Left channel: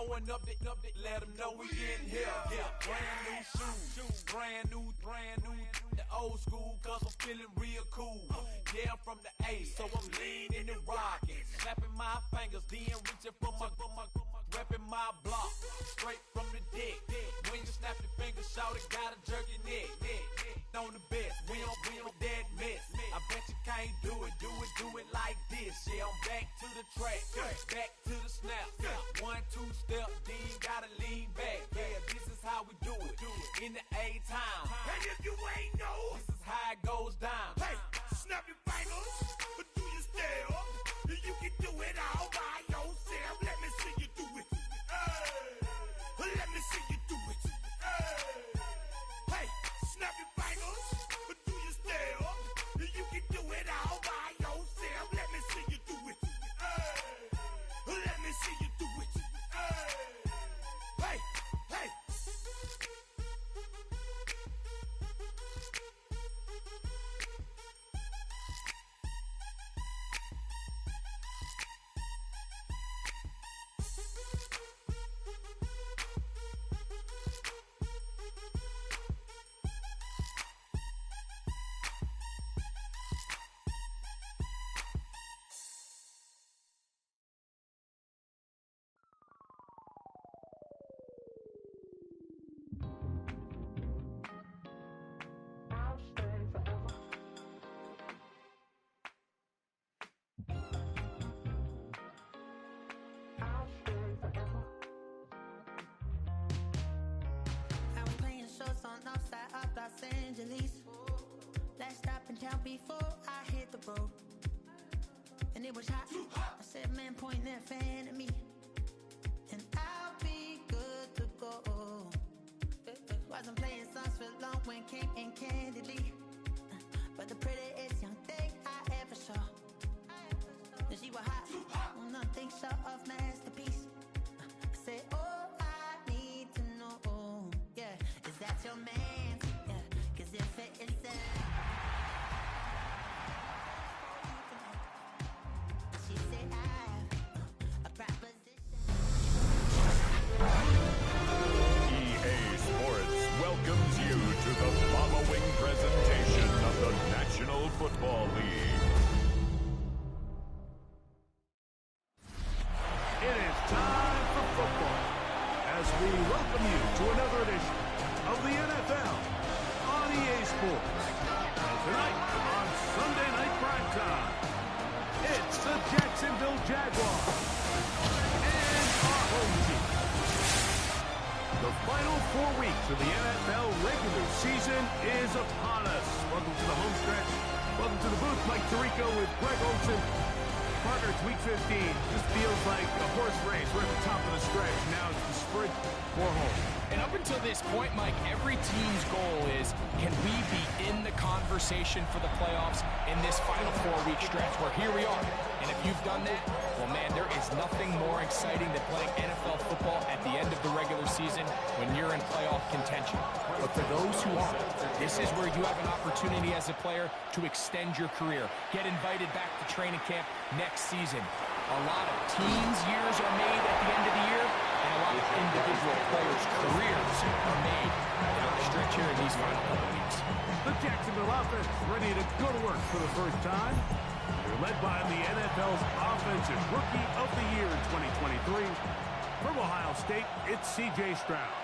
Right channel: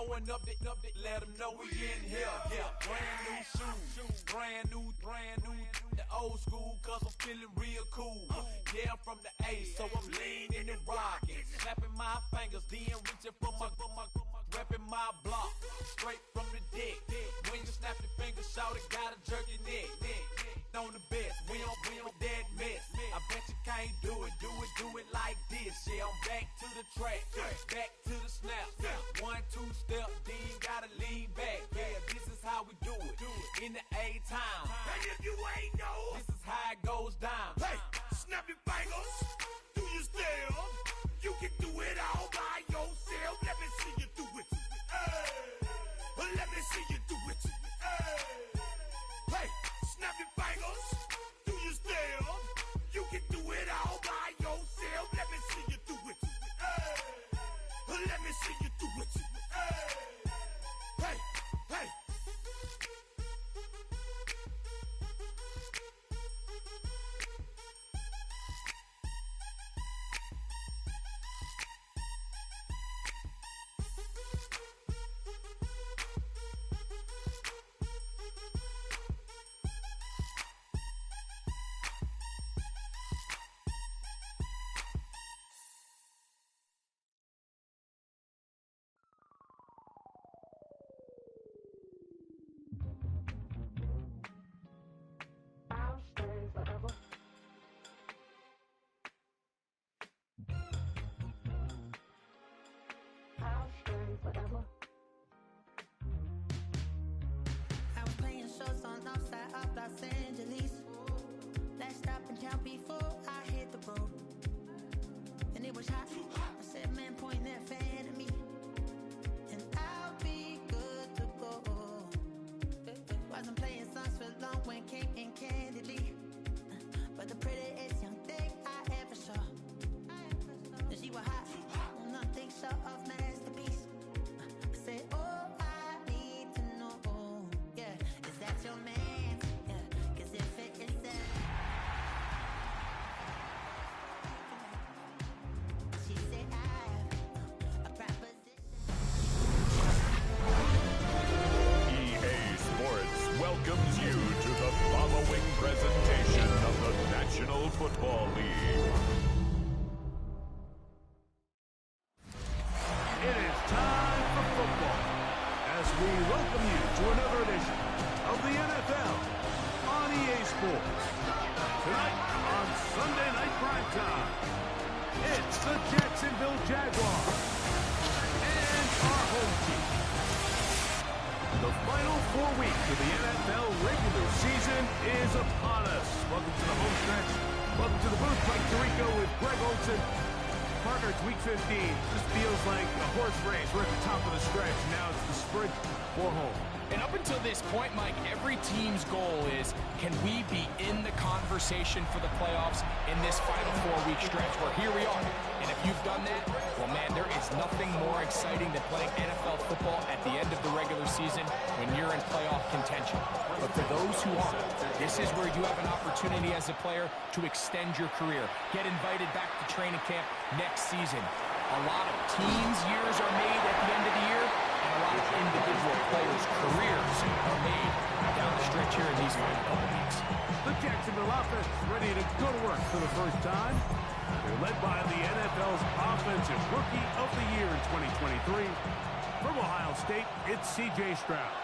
Throwing up the, let them know we in here. Yeah, brand new shoes, brand new. The old school, cause I'm feeling real cool. Yeah, I'm from the A, so I'm leaning and rocking. Snapping my fingers, then reaching for my repping my block. Straight from the dick. When you snap your fingers, shout it, gotta jerk your neck. On the best, we don't dead mess. I bet you can't do it like this. Yeah, I'm back to the track, back to the snap. 1, 2 step, then gotta lean back. Yeah, this is how we do it in the A-time. And if you ain't know, this is how it goes down. Hey, snap your fingers, but do you still? You can do it all by yourself. Let me see you do it. Hey, let me see you do it. Hey, snap your fingers, but do you still? You can do it all by yourself. Let me see you do it. Let me see you do it. Hey, hey. Outside of Los Angeles, last stop in town before I hit the road, and it was hot. I said, man, point that fan at me, and I'll be good to go. Wasn't playing songs for long when came in candidly, but the prettiest young thing I ever saw. And she was hot, well, nothing short of masterpiece. I said, oh, I need to know, yeah, is that your man? Yeah, cause if it isn't, she said I have a proposition. EA Sports welcomes you to the following presentation of the National Football League. It is time for football as we welcome you to another edition of the NFL on EA Sports. Tonight on Sunday Night Primetime, it's the Jacksonville Jaguars and our home team. The final 4 weeks of the NFL regular season is upon us. Welcome to the home stretch. Welcome to the booth. Mike Tirico with Greg Olson. Partner, it's week 15. This feels like a horse race. We're at the top of the stretch. Now it's the sprint for home. And up until this point, Mike, every team's goal is, can we be in the conversation for the playoffs in this final 4-week stretch, where here we are. And if you've done that, well, man, there is nothing more exciting than playing NFL football at the end of the regular season when you're in playoff contention. But for those who aren't, this is where you have an opportunity as a player to extend your career, get invited back to training camp next season. A lot of teams' years are made at the end of the year, and a lot of individual players' careers are made down the stretch here in these final couple weeks. The Jacksonville offense ready to go to work for the first time. They're led by the NFL's Offensive Rookie of the Year in 2023. From Ohio State, it's C.J. Stroud.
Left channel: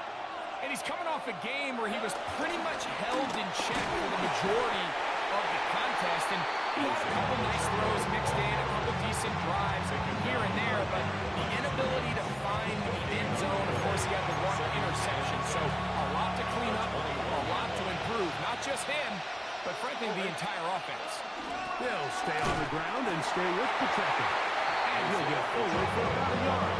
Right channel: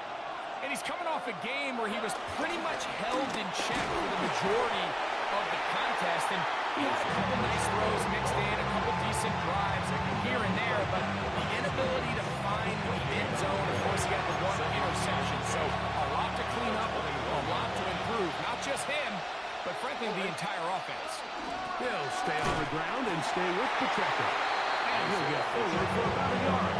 And he's coming off a game where he was pretty much held in check for the majority of the contest, and he had a couple nice throws mixed in, a couple decent drives here and there, but the inability to find the end zone, of course, he had the one interception, so a lot to clean up, a lot to improve, not just him, but frankly, the entire offense. He'll stay on the ground and stay with Pacheco, and he'll get forward for about a yard.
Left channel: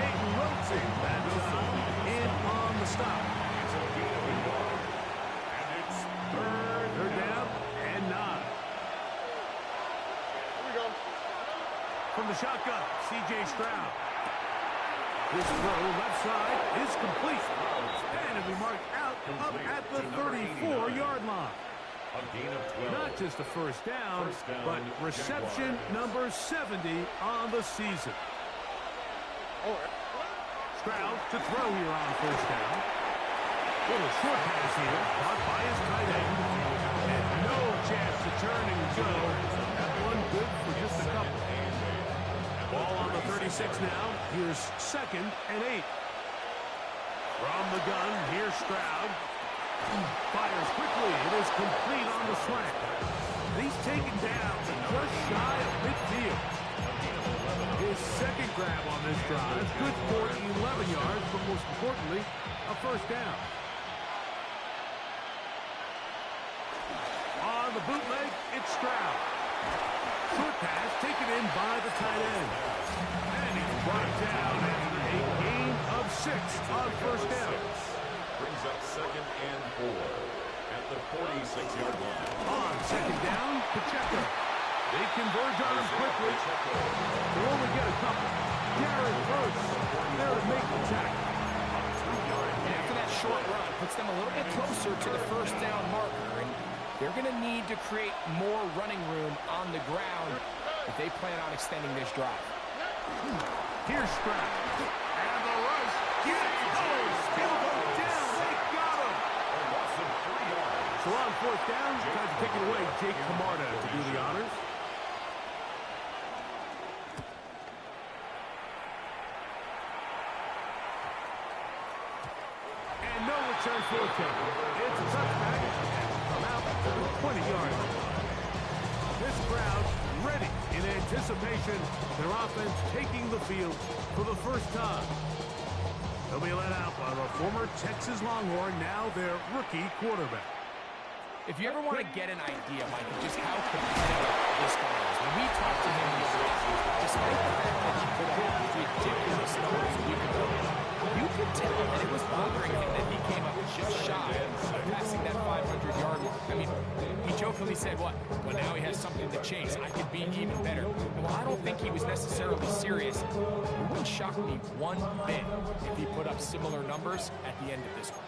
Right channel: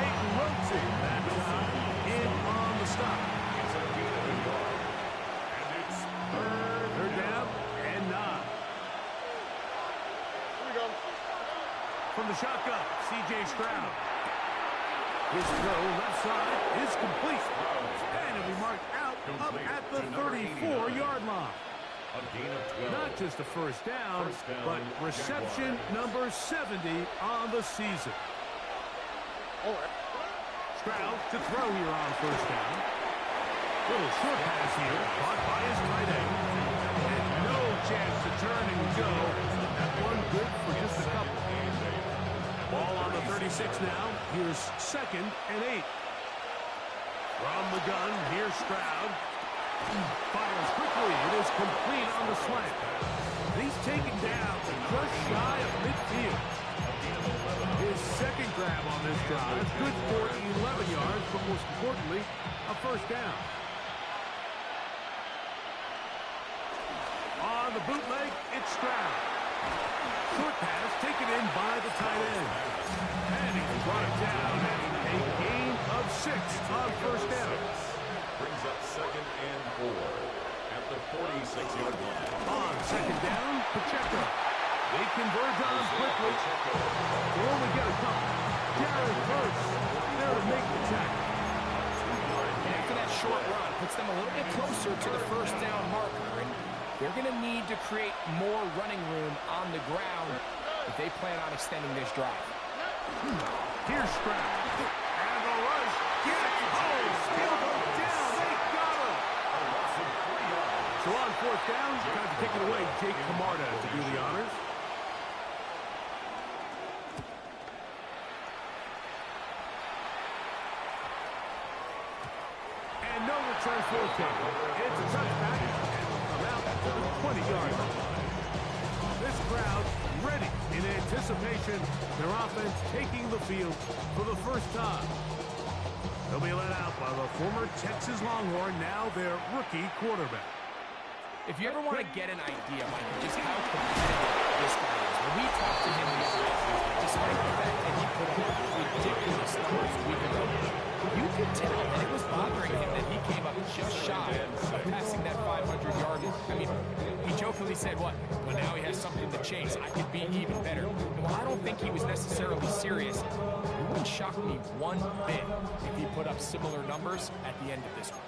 Peyton Wilson, that time, in on the stop. It's a gain of a yard, and it's third down and 9. From the shotgun, C.J. Stroud. His throw left side is complete. And it'll be marked out up at the 34-yard line. a gain of 12. Not just a first down, but reception Jaguars. number 70 on the season. Stroud to throw here on first down. Little short pass here, caught by his tight end. And no chance to turn and go. That one good for just a couple. Ball on the 36 now. Here's 2nd and 8. From the gun, here's Stroud. Fires quickly. It is complete on the slant. He's taken down to just shy of midfield. His 2nd grab on this drive. Good for 11 yards, but most importantly, a first down. On the bootleg, it's Stroud. Short pass taken in by the tight end. And he's brought down after a gain of 6 on first down. Brings up 2nd and 4 at the 46-yard line. On 2nd down, Pacheco. They converge on him quickly. They'll only get a couple. Jared Verse there to make the tackle. And after that short run, puts them a little bit closer to the first down marker. And they're going to need to create more running room on the ground if they plan on extending this drive. Here's Stroud. And the rush gets home. He'll go down. They got him. A loss of 3 yards. So on 4th down, time to take it away. Jake Camarda to do the honors. And no return forthcoming. It's a touchback. And will come out to the 20-yard line. This crowd ready in anticipation. Their offense taking the field for the first time. They'll be let out by the former Texas Longhorn, now their rookie quarterback. If you ever want to get an idea, Mike, of just how competitive this guy is, when we talked to him the other day, despite the fact that he put up ridiculous numbers a week ago, you could tell that it was bothering him that he came up just shy of passing that 500-yard mark. I mean, he jokingly said, what? Well, now he has something to chase. I could be even better. And while I don't think he was necessarily serious, it wouldn't shock me one bit if he put up similar numbers at the end of this one.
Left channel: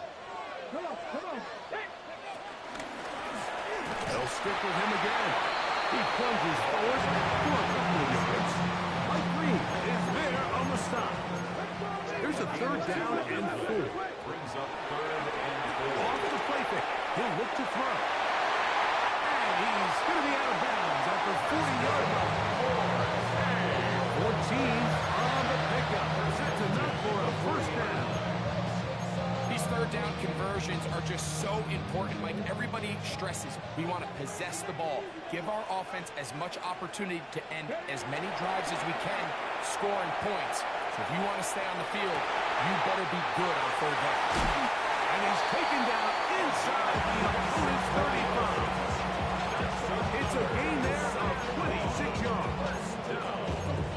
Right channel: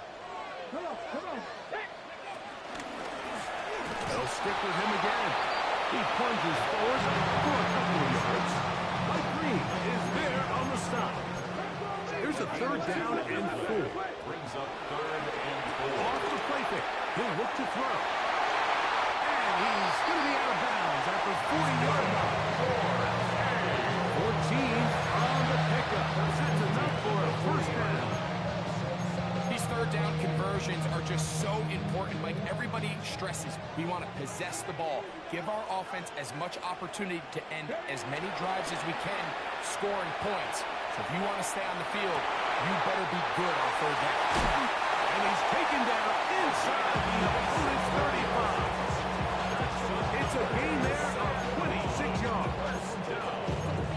They'll stick with him again. He plunges forward for a couple of yards. Mike Green is there on the stop. Here's a 3rd down and 4. Brings up 3rd and 4. Off the play fake. He'll look to throw. And he's going to be out of bounds at the 40-yard line. 14 on the pickup. That's enough for a first down. These 3rd down conversions are just so important, Mike. Everybody stresses we want to possess the ball, give our offense as much opportunity to end as many drives as we can, scoring points. So if you want to stay on the field, you better be good on 3rd down. And he's taken down inside the opponent's 35. It's a gain there of 26 yards.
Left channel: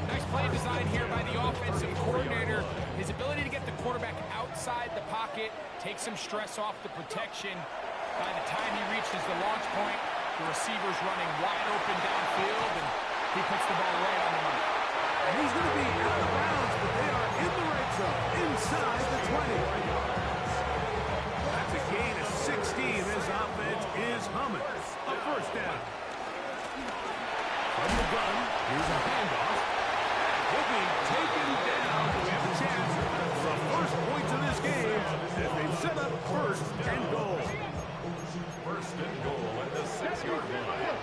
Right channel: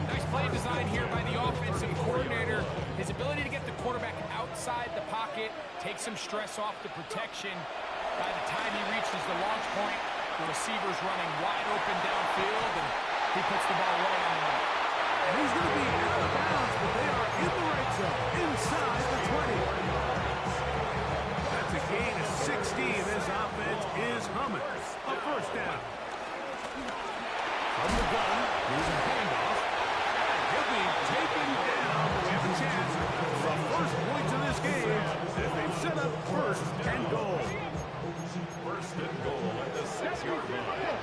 Nice play design here by the offensive coordinator. His ability to get the quarterback outside the pocket, take some stress off the protection. By the time he reaches the launch point, the receiver's running wide open downfield, and he puts the ball right on the money. And he's going to be out of bounds, but they are in the red zone, inside the 20. That's a gain of 16. This offense is humming. A first down. From the gun, here's a handoff. And he'll be taken down. We have a chance for the first points of this game as they've set up 1st and goal. 1st and goal at the 6-yard line.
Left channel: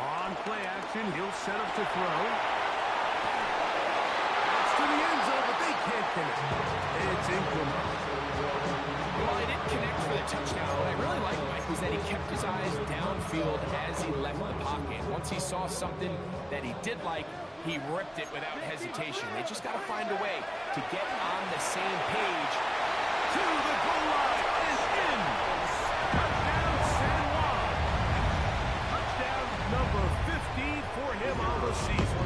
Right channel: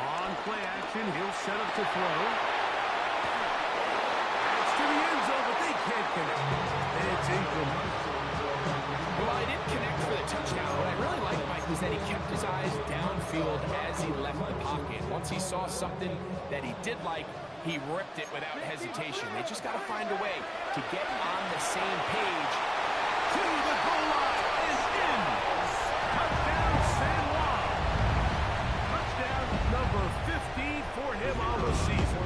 On play action, he'll set up to throw. It's to the end zone, but they can't connect. It's incomplete. Well, he didn't connect for the touchdown. What I really liked, Mike, was that he kept his eyes downfield as he left the pocket. Once he saw something that he did like, he ripped it without hesitation. They just got to find a way to get on the same page. To the goal line and in. Touchdown, San Juan. Touchdown number 15 for him on the season.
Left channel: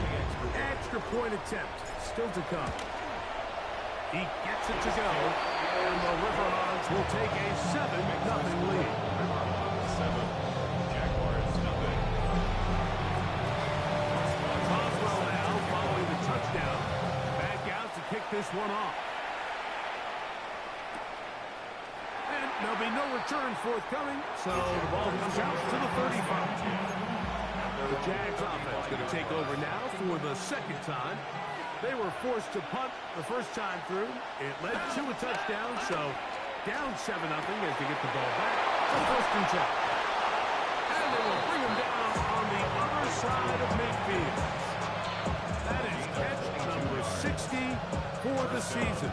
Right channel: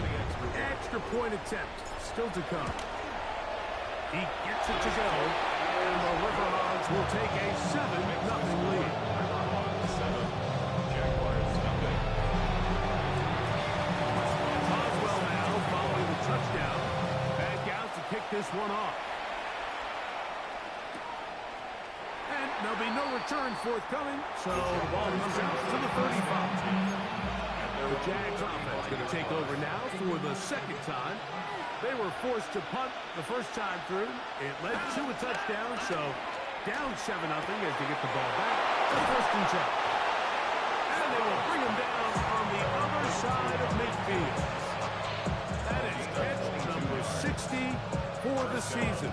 Extra point attempt still to come. He gets it to go, and the River Hogs will take a 7-0 lead. 7, Jaguars nothing. Boswell now following the touchdown. Back out to kick this one off. And there'll be no return forthcoming, so the ball comes out to the 35. The Jags offense going to take over now for the 2nd time. They were forced to punt the first time through. It led to a touchdown, so down 7-0 as they get the ball back to 1st and 10. And they will bring him down on the other side of midfield. That is catch number 60 for the season.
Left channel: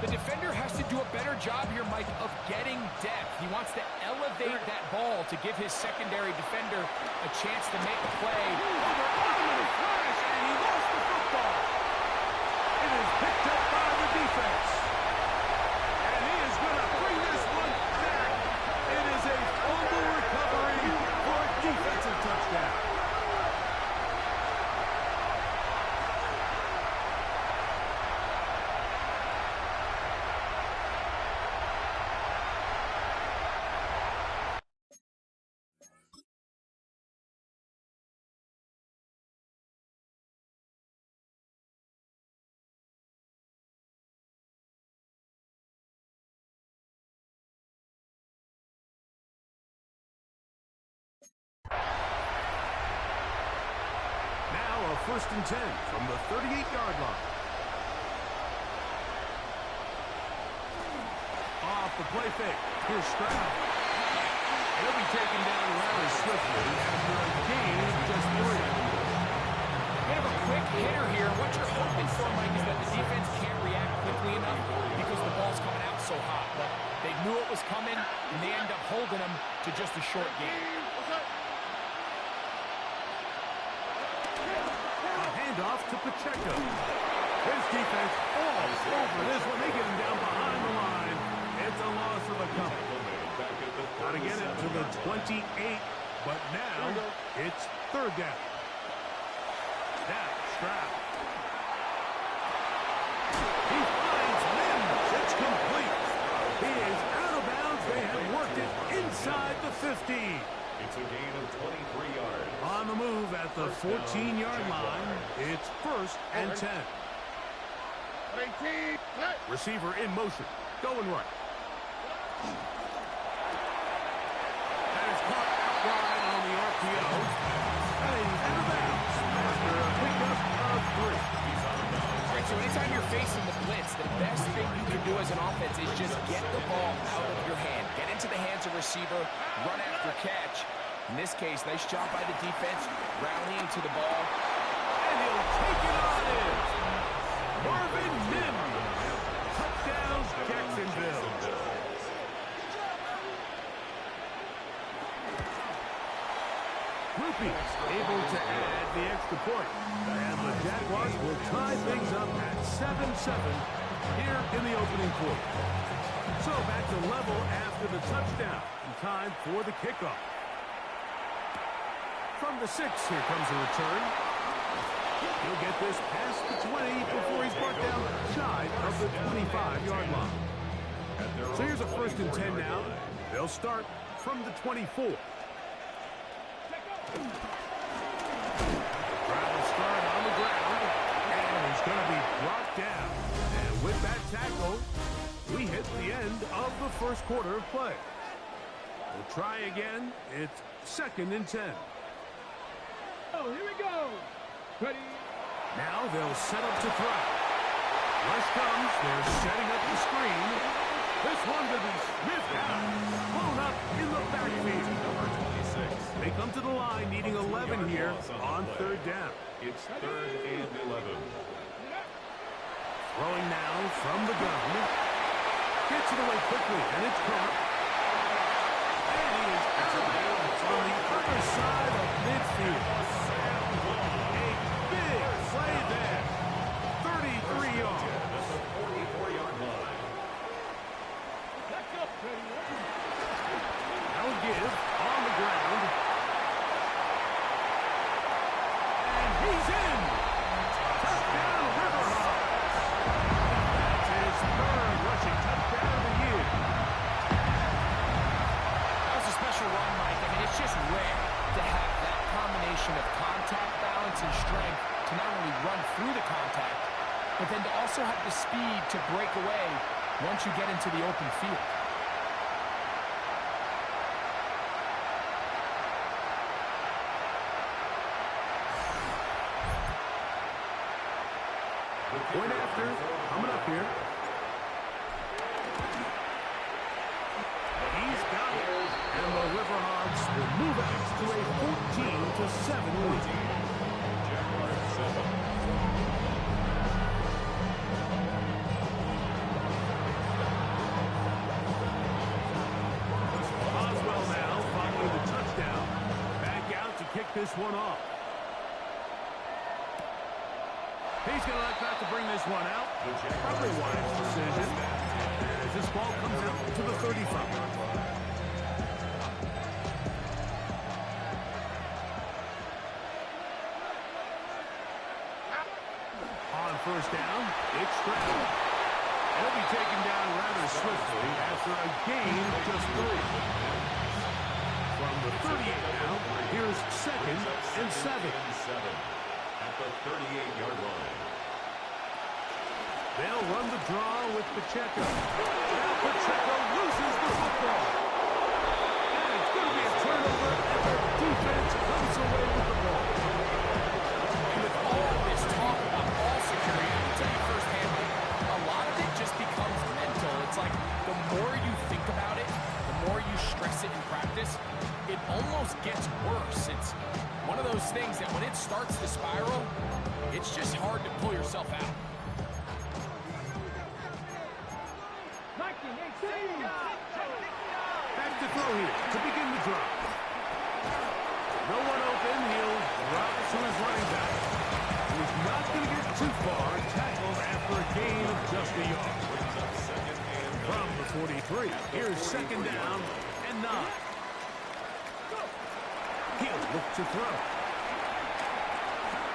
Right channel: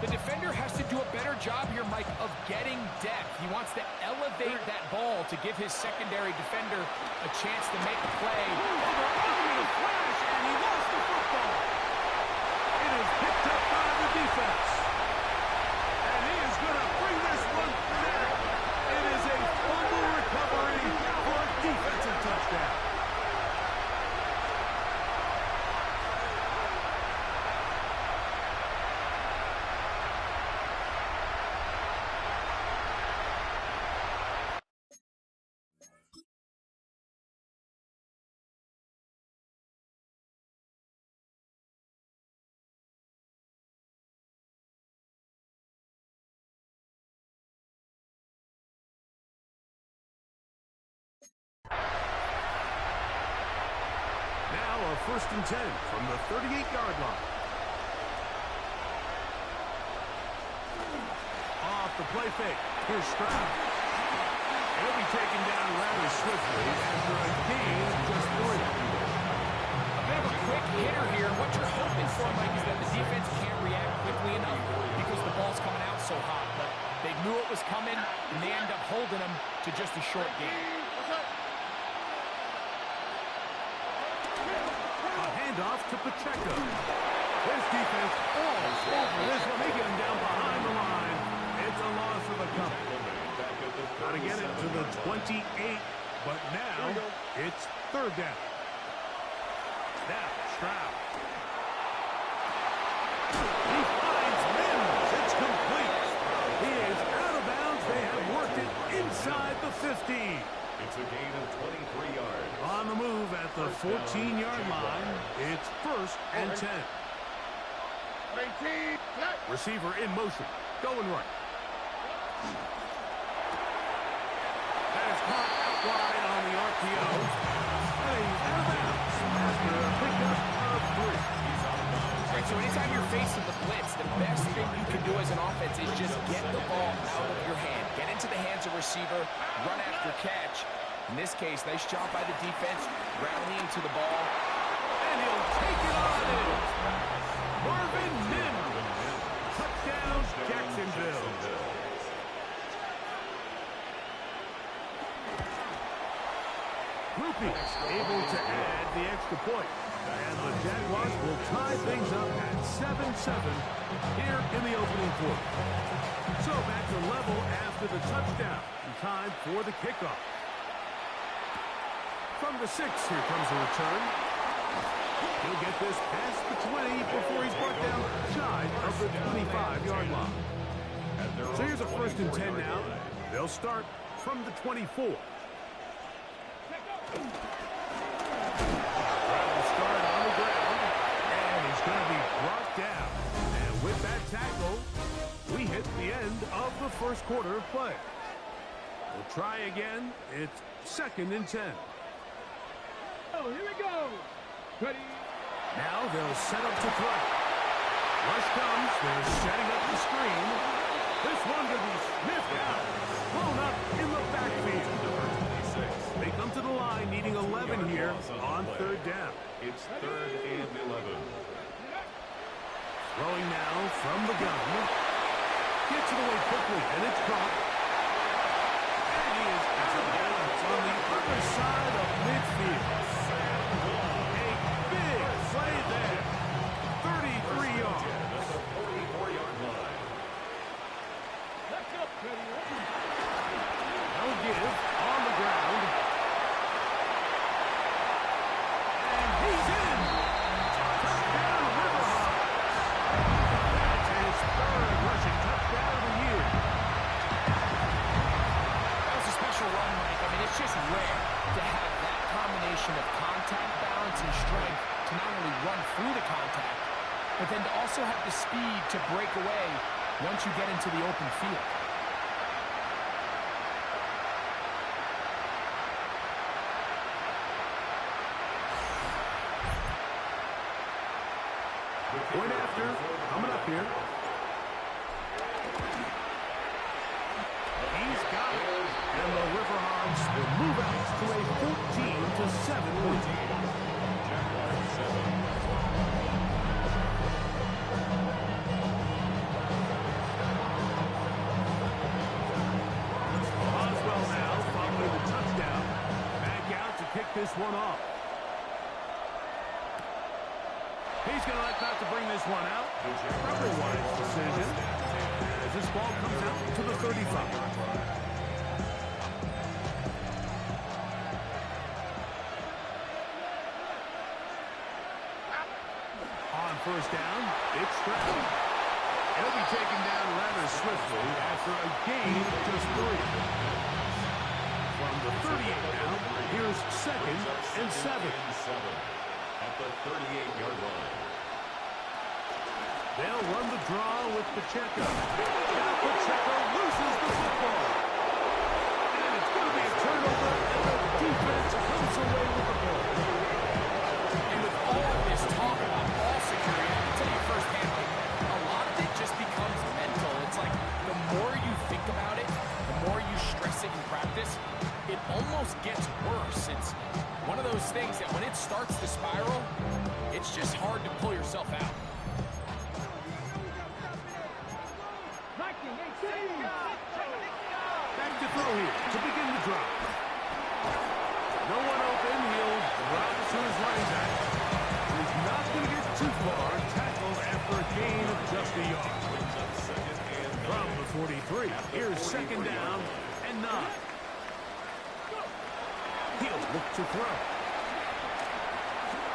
The defender has to do a better job here, Mike, of getting depth. He wants to elevate that ball to give his secondary defender a chance to make a play. Over a flash, and he lost the football. It is picked up by the defense. And he is going to bring this one back. It is a fumble recovery for a defensive touchdown. Now a 1st and 10 from the 38-yard line. Off the play fake. Here's Stroud. He'll be taken down rather swiftly after a gain of just 3. A bit of a quick hitter here. What you're hoping for, Mike, is that the defense can't react quickly enough because the ball's coming out so hot. But they knew it was coming, and they end up holding them to just a short gain. Off to Pacheco. His defense falls over this one. They get him down behind the line. It's a loss of a couple. Got to get it to the 28, but now it's 3rd down. Now Stroud. He finds Mims. It's complete. He is out of bounds. They have worked it inside the 15. It's a gain of 23 yards. On the move at the 14-yard line, it's 1st and 10. Receiver in motion, going right. That is caught out wide on the RPO. And he's out of bounds after a pickup of 3. He's out of bounds. All right, so anytime you're facing the blitz, the best thing you can do as an offense is just get the ball out of your hand. Get into the hands of receiver, run after catch. In this case, nice job by the defense, rallying to the ball. And he'll take it on in. Marvin Mims. Touchdown, Jacksonville. Groupie able to add the extra point. And the Jaguars will tie things up at 7-7 here in the opening quarter. So back to level after the touchdown. In time for the kickoff. From the 6, here comes a return. He'll get this past the 20 before he's brought down shy of the 25-yard line. So here's a 1st and 10 now. They'll start from the 24. Travel start on the ground, and he's going to be brought down. And with that tackle, we hit the end of the 1st quarter of play. We'll try again. It's 2nd and 10. Oh, here we go. Ready? Now they'll set up to throw. Rush comes. They're setting up the screen. This one going to be sniffed out. Blown up in the backfield. Number 26. They come to the line needing 11 here on 3rd down. It's 3rd and 11. Throwing now from the gun. Gets it away quickly, and it's caught. And he is out of bounds on the other side of midfield. A big play there. 33 yards. At the 44-yard line. Now give on the ground. And he's in. Touchdown, Riverhawks. That's his 3rd rushing touchdown of the year. That was a special run, Mike. I mean, it's just rare to have that combination of contact balance and strength to not only run through the contact, but then to also have the speed to break away once you get into the open field. Point after, coming up here. He's got it. And the River Hogs will move out to a 14-7 lead. Jaguars 7. Oswell now following the touchdown. Back out to kick this one off. He's going to like not to bring this one out. Probably a wise decision. As this ball comes out to the 35. On first down, it's Stroud. He'll be taken down rather swiftly after a gain of just 3. From the 38 now, here's 2nd and 7. At the 38-yard line. They'll run the draw with Pacheco. Now Pacheco loses the football. And it's going to be a turnover, and the defense comes away with the ball. And with all this talk about ball security, I can tell you firsthand, like, a lot of it just becomes mental. It's like the more you think about it, the more you stress it in practice, it almost gets worse. It's one of those things that when it starts to spiral, it's just hard to pull yourself out. Back to throw here to begin the drive. No one open. He'll drop to his running back. He's not going to get too far. Tackled after a gain of just a yard. Brings up 2nd and 9. From the 43, here's 2nd down and 9. He'll look to throw.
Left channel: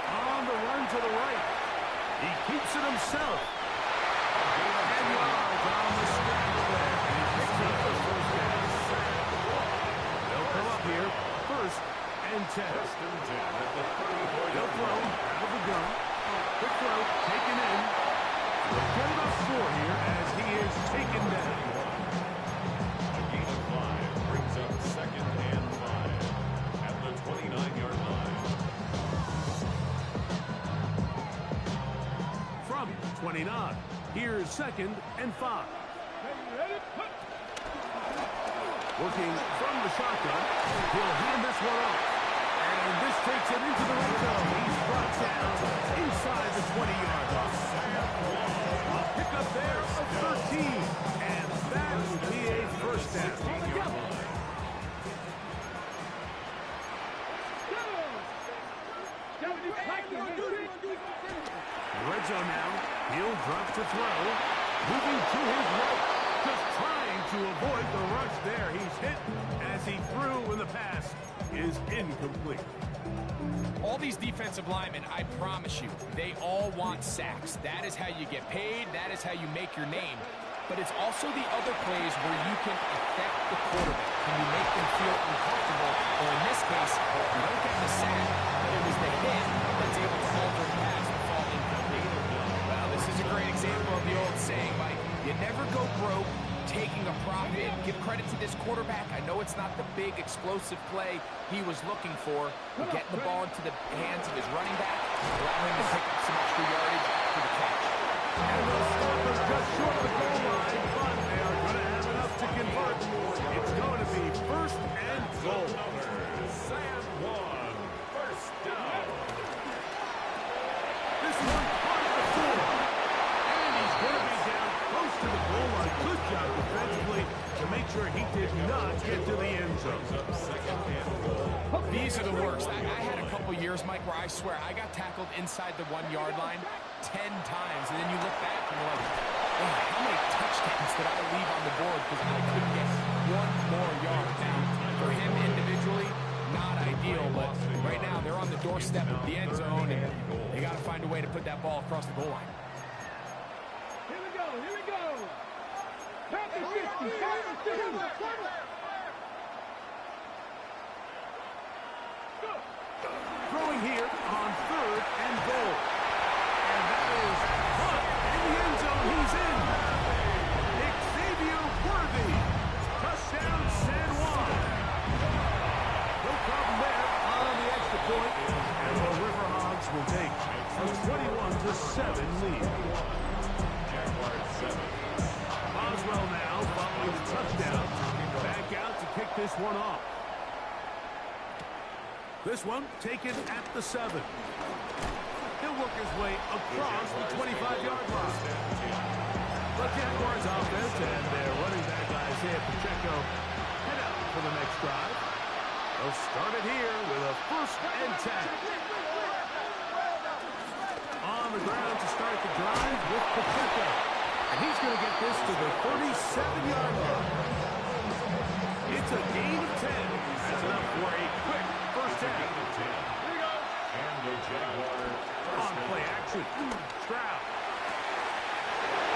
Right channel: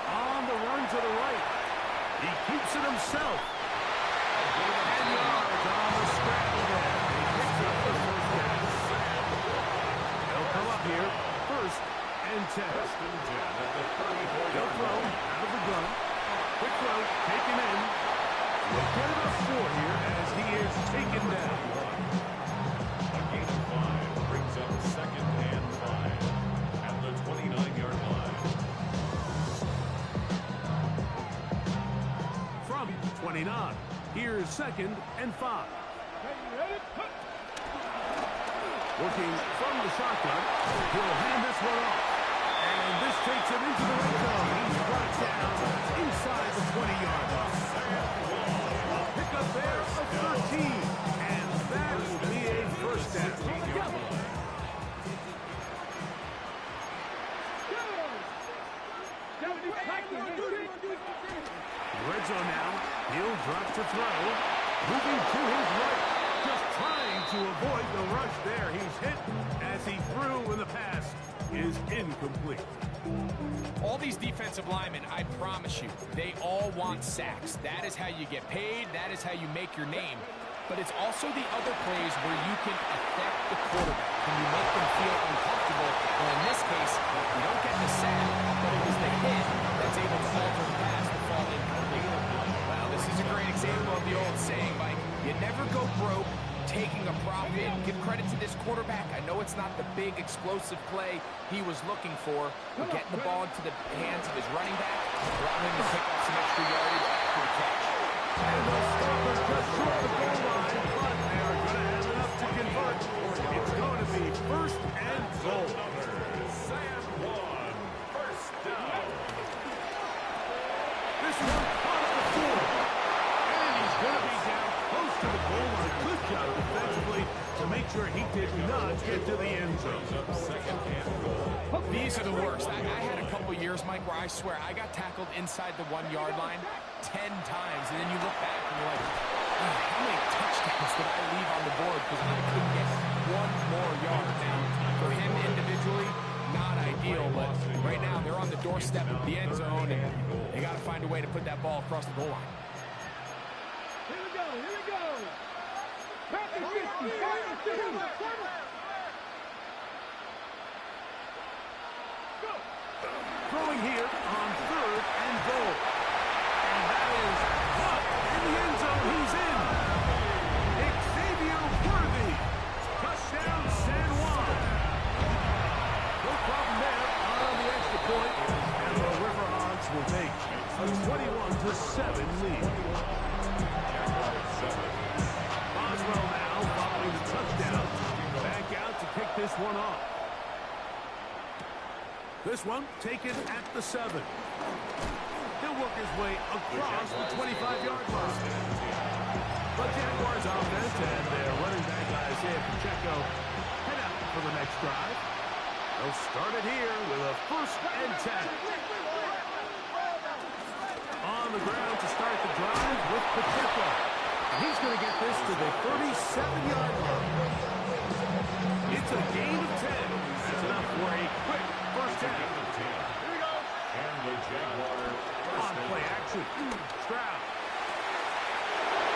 On the run to the right. He keeps it himself. And yards on the scramble there. And he picks up the first down. They'll come up here. 1st and 10. First and 10 at the 34-yard They'll throw line. out of the gun. Quick throw, taken in. We'll get about 4 here as he is taken down. A gain of 5 brings up 2nd and 5 at the 29-yard line. From 29, here's 2nd and 5. Working from the shotgun, he'll hand this one off. And this takes him into the red zone. He's brought down inside the 20-yard line. A pickup there of 13. And that will be a first down. Red zone now. He'll drop to throw. Moving to his right. Just trying to avoid the rush there. He's hit as he threw when the pass is incomplete. All these defensive linemen, I promise you, they all want sacks. That is how you get paid. That is how you make your name. But it's also the other plays where you can affect the quarterback. Can you make them feel uncomfortable? Or in this case, you don't get the sack, but it was the hit that's able to alter the pass to fall incomplete. Well, this is a great example of the old saying, Mike, you never go broke taking a profit. Give credit to this quarterback. I know it's not the big explosive play he was looking for, but getting the ball into the hands of his running back, allowing him to pick up some extra yardage after the catch. And they'll stop him just short of the goal line, but they are going to have enough to convert. It's going to be 1st and goal. San Juan, first down. This one caught at the 4. And he's going to be down close to the goal line. Good job defensively to make sure he did not get to the end zone. Up 2nd and goal. These are the worst. I had a couple years, Mike, where I swear I got tackled inside the 1-yard line 10 times. And then you look back and you're like, oh, how many touchdowns did I leave on the board because I couldn't get one more yard? Now, for him individually, not ideal, but right now they're on the doorstep of the end zone, and they got to find a way to put that ball across the goal line. Here we go, here we go. Packers 50, Packers 50. Throwing here on 3rd and goal. And that is caught in the end zone. He's in. Xavier Worthy. Touchdown, San Juan. No problem there on the extra point. And the River Hogs will take a 21-7 lead. this one off. This one taken at the 7. He'll work his way across the 25-yard line. The Jaguars offense and their running back Isaiah Pacheco head out for the next drive. They'll start it here with a 1st and 10. On the ground to start the drive with Pacheco. And he's going to get this to the 37-yard line. It's a gain of 10. That's enough for a quick 1st down. Here we go. And the Jaguar on play action. Stroud.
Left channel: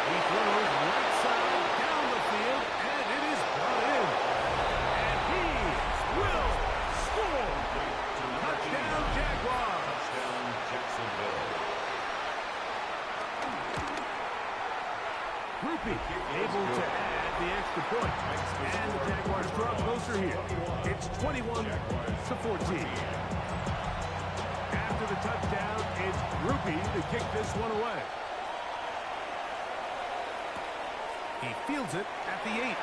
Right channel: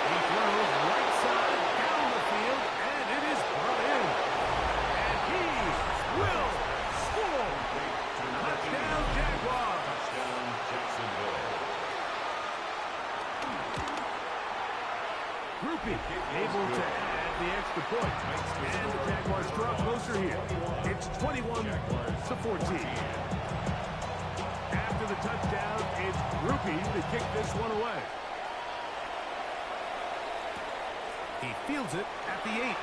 He throws right side down the field, and it is brought in. And he will score. Touchdown, Jaguars. Touchdown, Jacksonville. Groupie able to add the extra point. And the Jaguars draw closer here. It's 21-14. After the touchdown, it's Groupie to kick this one away. He fields it at the 8.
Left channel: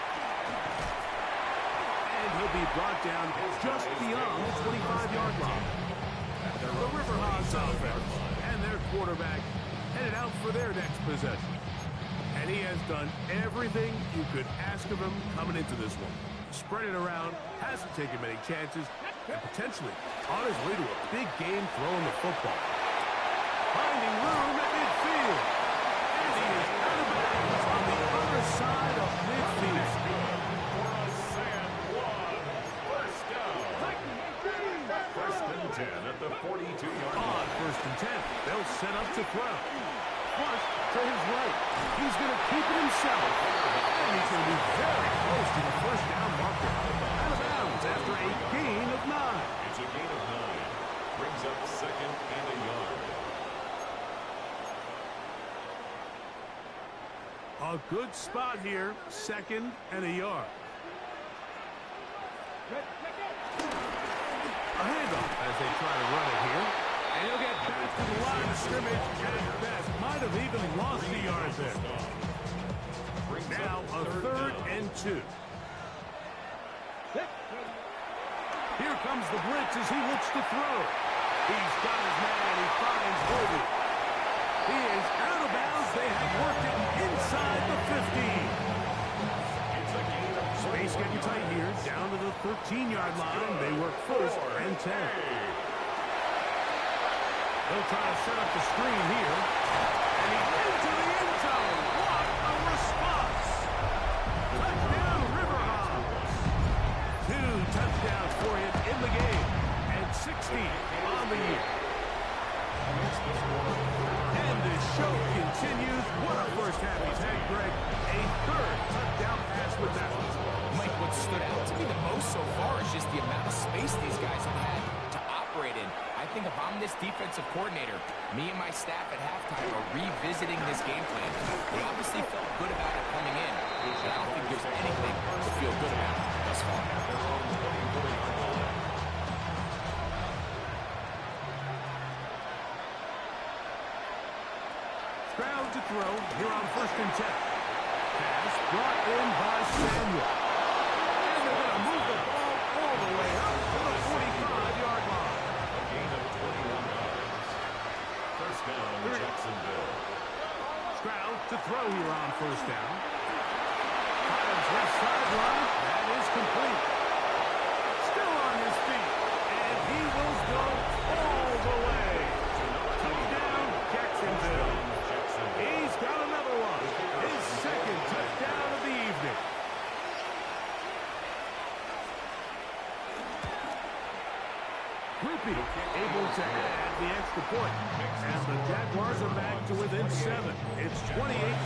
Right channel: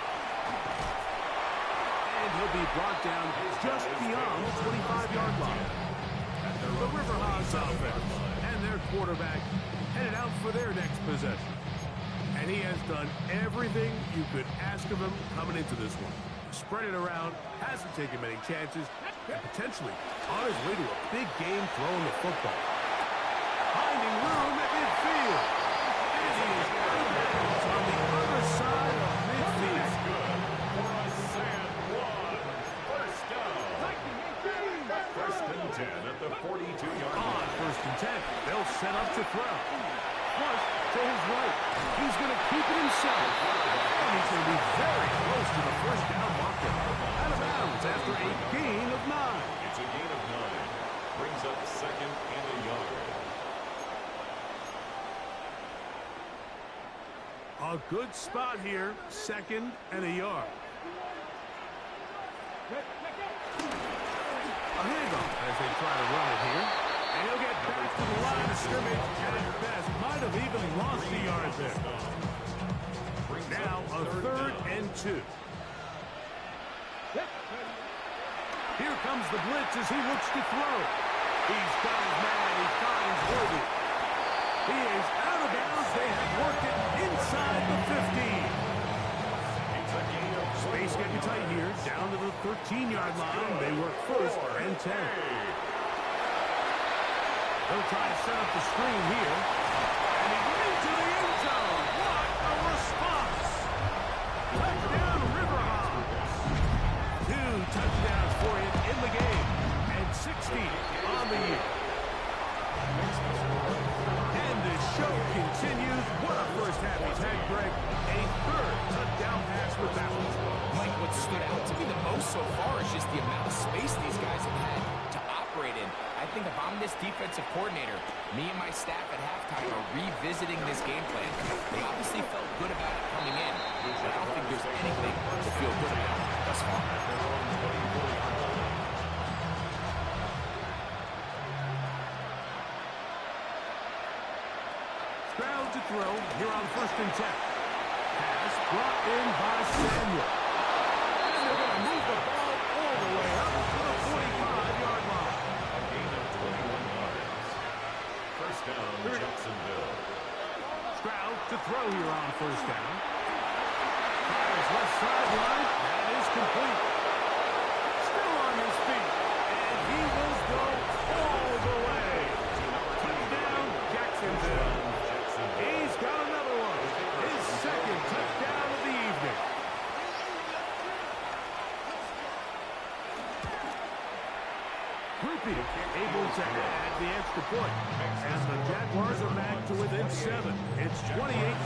And he'll be brought down just beyond the 25-yard line. The River Hogs offense and their quarterback headed out for their next possession. And he has done everything you could ask of him coming into this one. Spread it around, hasn't taken many chances, and potentially on his way to a big game throwing the football. Finding room at midfield. And he is out of bounds on the other side of midfield. Good for a San Juan 1st down. 1st and 10 at the 42-yard line. On 1st and 10, they'll set up to throw. Flush to his right. He's going to keep it himself. And he's going to be very close to the 1st down marker. Out of bounds after a gain of 9. It's a gain of 9. Brings up 2nd and a yard. A good spot here. 2nd and a yard. A handoff as they try to run it here. And he'll get back to the line of scrimmage at best. Might have even lost the yard there. Now a 3rd and 2. Here comes the blitz as he looks to throw. He's got his man. He finds Worthy. He is out of bounds. They have worked it inside the 15. Space getting tight here. Down to the 13-yard line. They work 1st and 10. They'll try to set up the screen here. And he's into the end zone. What a response. Touchdown, River Hogs. 2 touchdowns for him in the game. And 60 on the year. And the show continues. What a first half he's had, Greg. A 3rd touchdown pass with that one. Mike, what stood out to me the most so far is just the amount of space these guys have had to operate in. I think if I'm this defensive coordinator, me and my staff at halftime are revisiting this game plan. They obviously felt good about it coming in, but I don't think there's anything to feel good about thus far. At their own 24-yard line. Stroud to throw here on 1st and 10. Pass brought in by Samuel. And they're going to move the ball all the way up to the 45-yard line. A gain of 21 yards. 1st down, Jacksonville. Stroud to throw here on 1st down. Fires left sideline. That is complete. Still on his feet. And he will go all the way. Touchdown, Jacksonville. He's got another one. His 2nd touchdown of the evening. Groupie able to add the extra point. And the Jaguars are back to within 7. It's 28-21.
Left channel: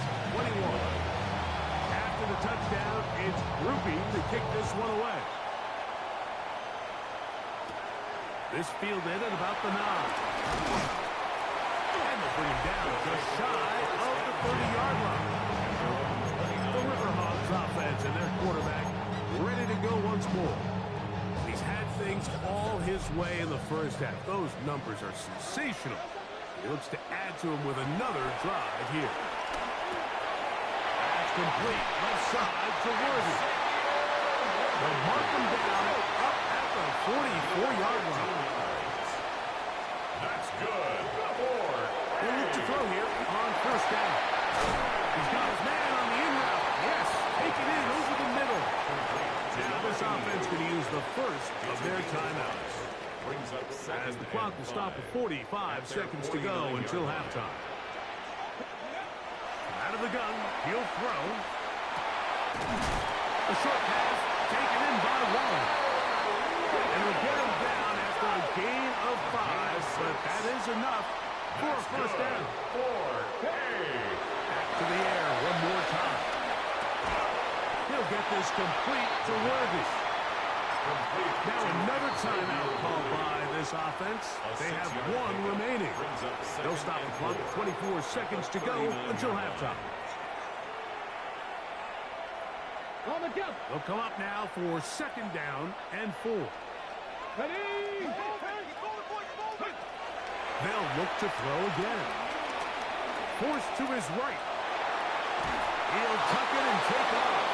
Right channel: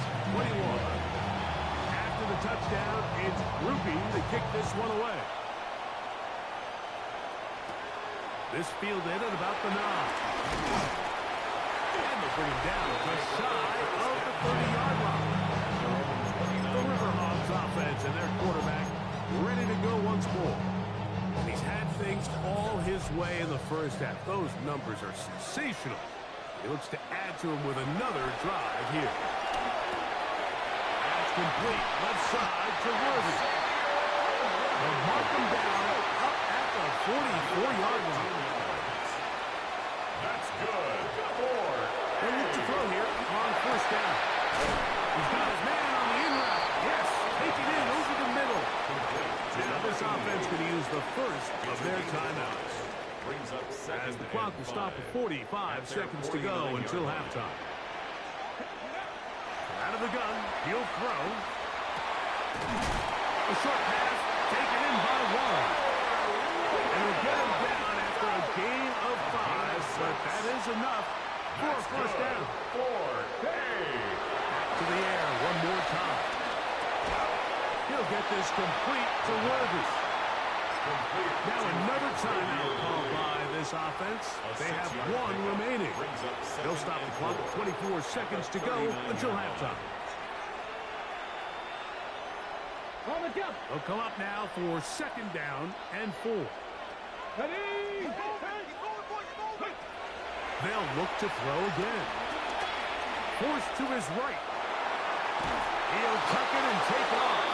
After the touchdown, it's Groupie to kick this one away. This fielded at about the 9. And they'll bring him down just shy of the 30-yard line. The River Hogs offense and their quarterback ready to go once more. He's had things all his way in the first half. Those numbers are sensational. He looks to add to them with another drive here. That's complete. Left side to Worthy. They'll mark them down up at the 44-yard line. That's good. 4. He'll look to throw here on first down. He's got his man on the in route. Yes, take it in over the middle. Now this offense could use the first of their timeouts. As the clock will stop at 45 seconds to go until halftime. Out of the gun, he'll throw. A short pass taken in by Warren. And we'll get him down after a gain of 5, but that is enough for a first down. 4. Hey. Back to the air one more time. He'll get this complete to Worthy. Now another timeout called by this offense. They have 1 remaining. They'll stop the clock at 24 seconds to go until halftime. On the jump. They'll come up now for second down and 4. Ready. They'll look to throw again. Forced to his right. He'll tuck it and take off.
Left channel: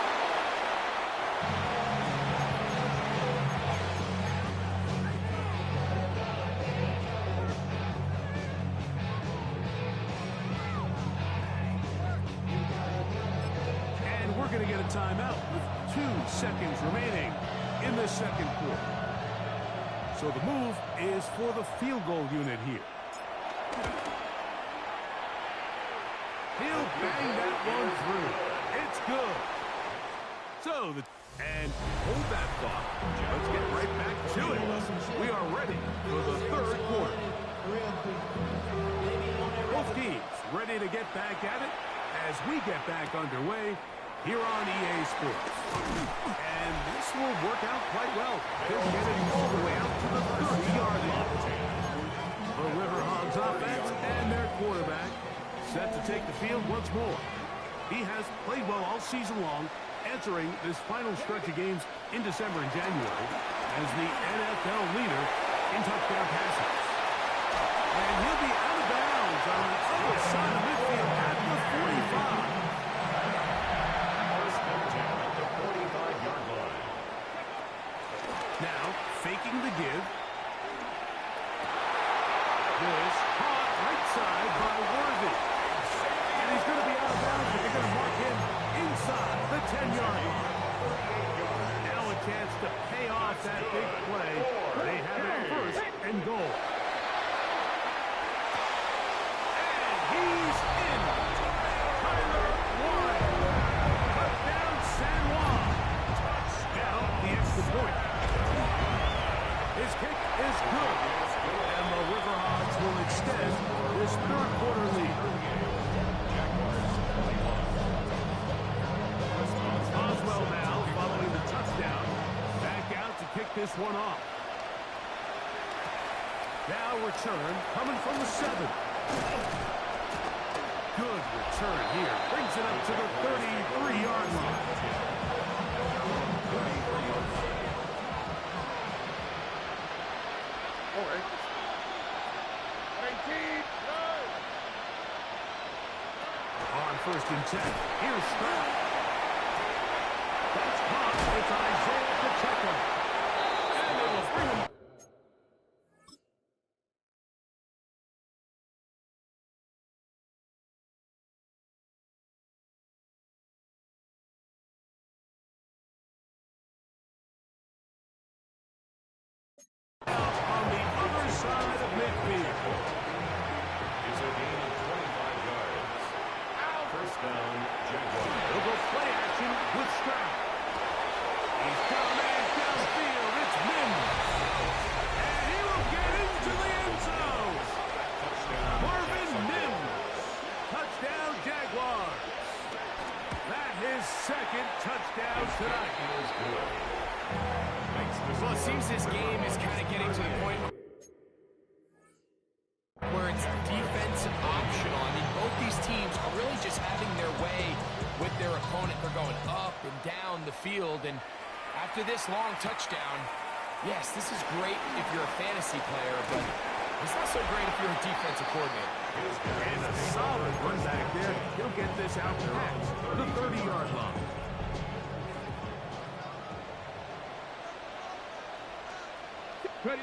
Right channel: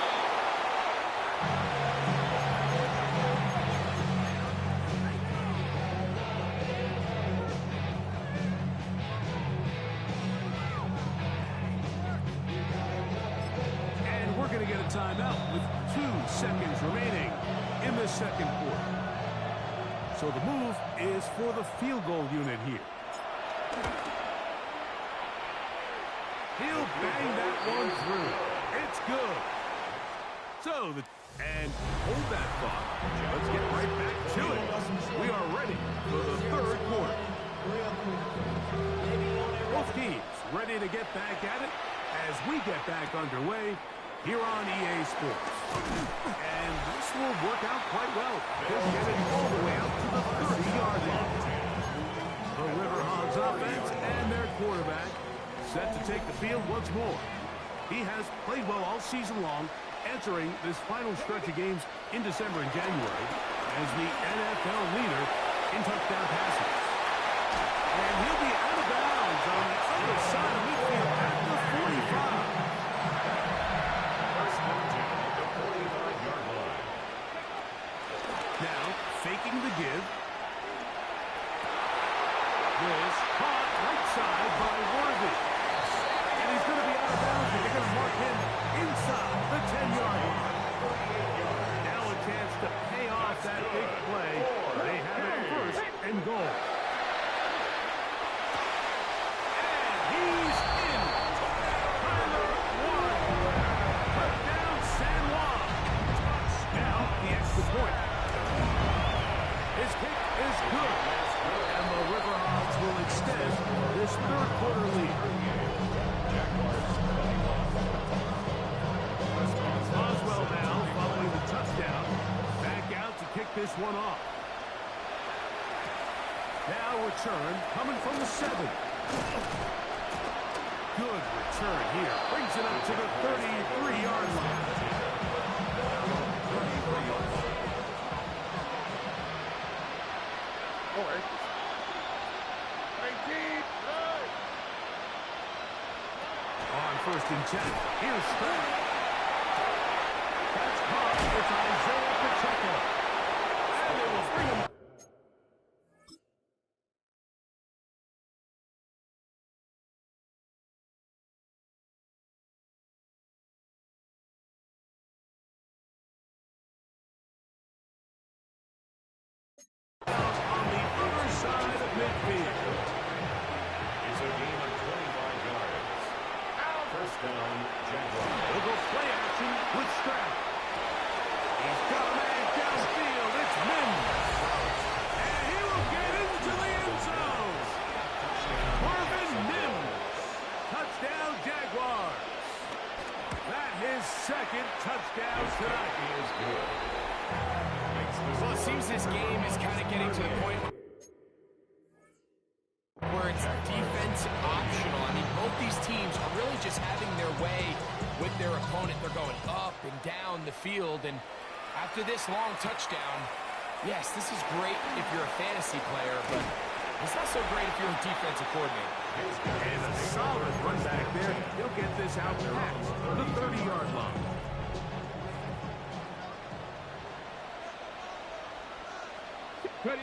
And we're going to get a timeout with 2 seconds remaining in the second quarter. So the move is for the field goal unit here. He'll bang that one through. It's good. So, and hold that thought. Let's get right back to it. We are ready for the third quarter. Both teams ready to get back at it as we get back underway here on EA Sports. And this will work out quite well. They'll get it all the way out to the 30-yard line. The River Hogs offense and their quarterback set to take the field once more. He has played well all season long, entering this final stretch of games in December and January as the NFL leader in touchdown passes. And he'll be out of bounds on the other side of midfield at the 45. First and 10 at the 45-yard line. Now, faking the give. This caught right side by Worthy. And he's going to be out of bounds, but they're going to mark him inside the 10-yard line. Now a chance to pay off that big play. They have it first and goal. And he's in. Tyler Warren. Touchdown San Juan. Now the extra point. His kick is good. And the River Hogs will extend this third quarter lead. Boswell now, following the touchdown, back out to kick this one off. Now return, coming from the 7. Good return here. Brings it up to the 33-yard line. On first and 10, here's Stroud. That's caught. It's Isaiah Pacheco. And they will bring him. On the other side of midfield. It's a gain of 25 yards. First down, Jaguars. They'll go play action with Stroud. He's got a man downfield. It's Mims. And he will get into the end zone. Marvin Mims. Touchdown, Jaguars. That his second touchdown tonight. Is good. Well, it seems this game is kind of getting to the point where it's defense optional. I mean, both these teams are really just having their way with their opponent. They're going up and down the field, and after this long touchdown, yes, this is great if you're a fantasy player, but it's not so great if you're a defensive coordinator. And a solid run back there. He'll get this out past the 30-yard line. Ready.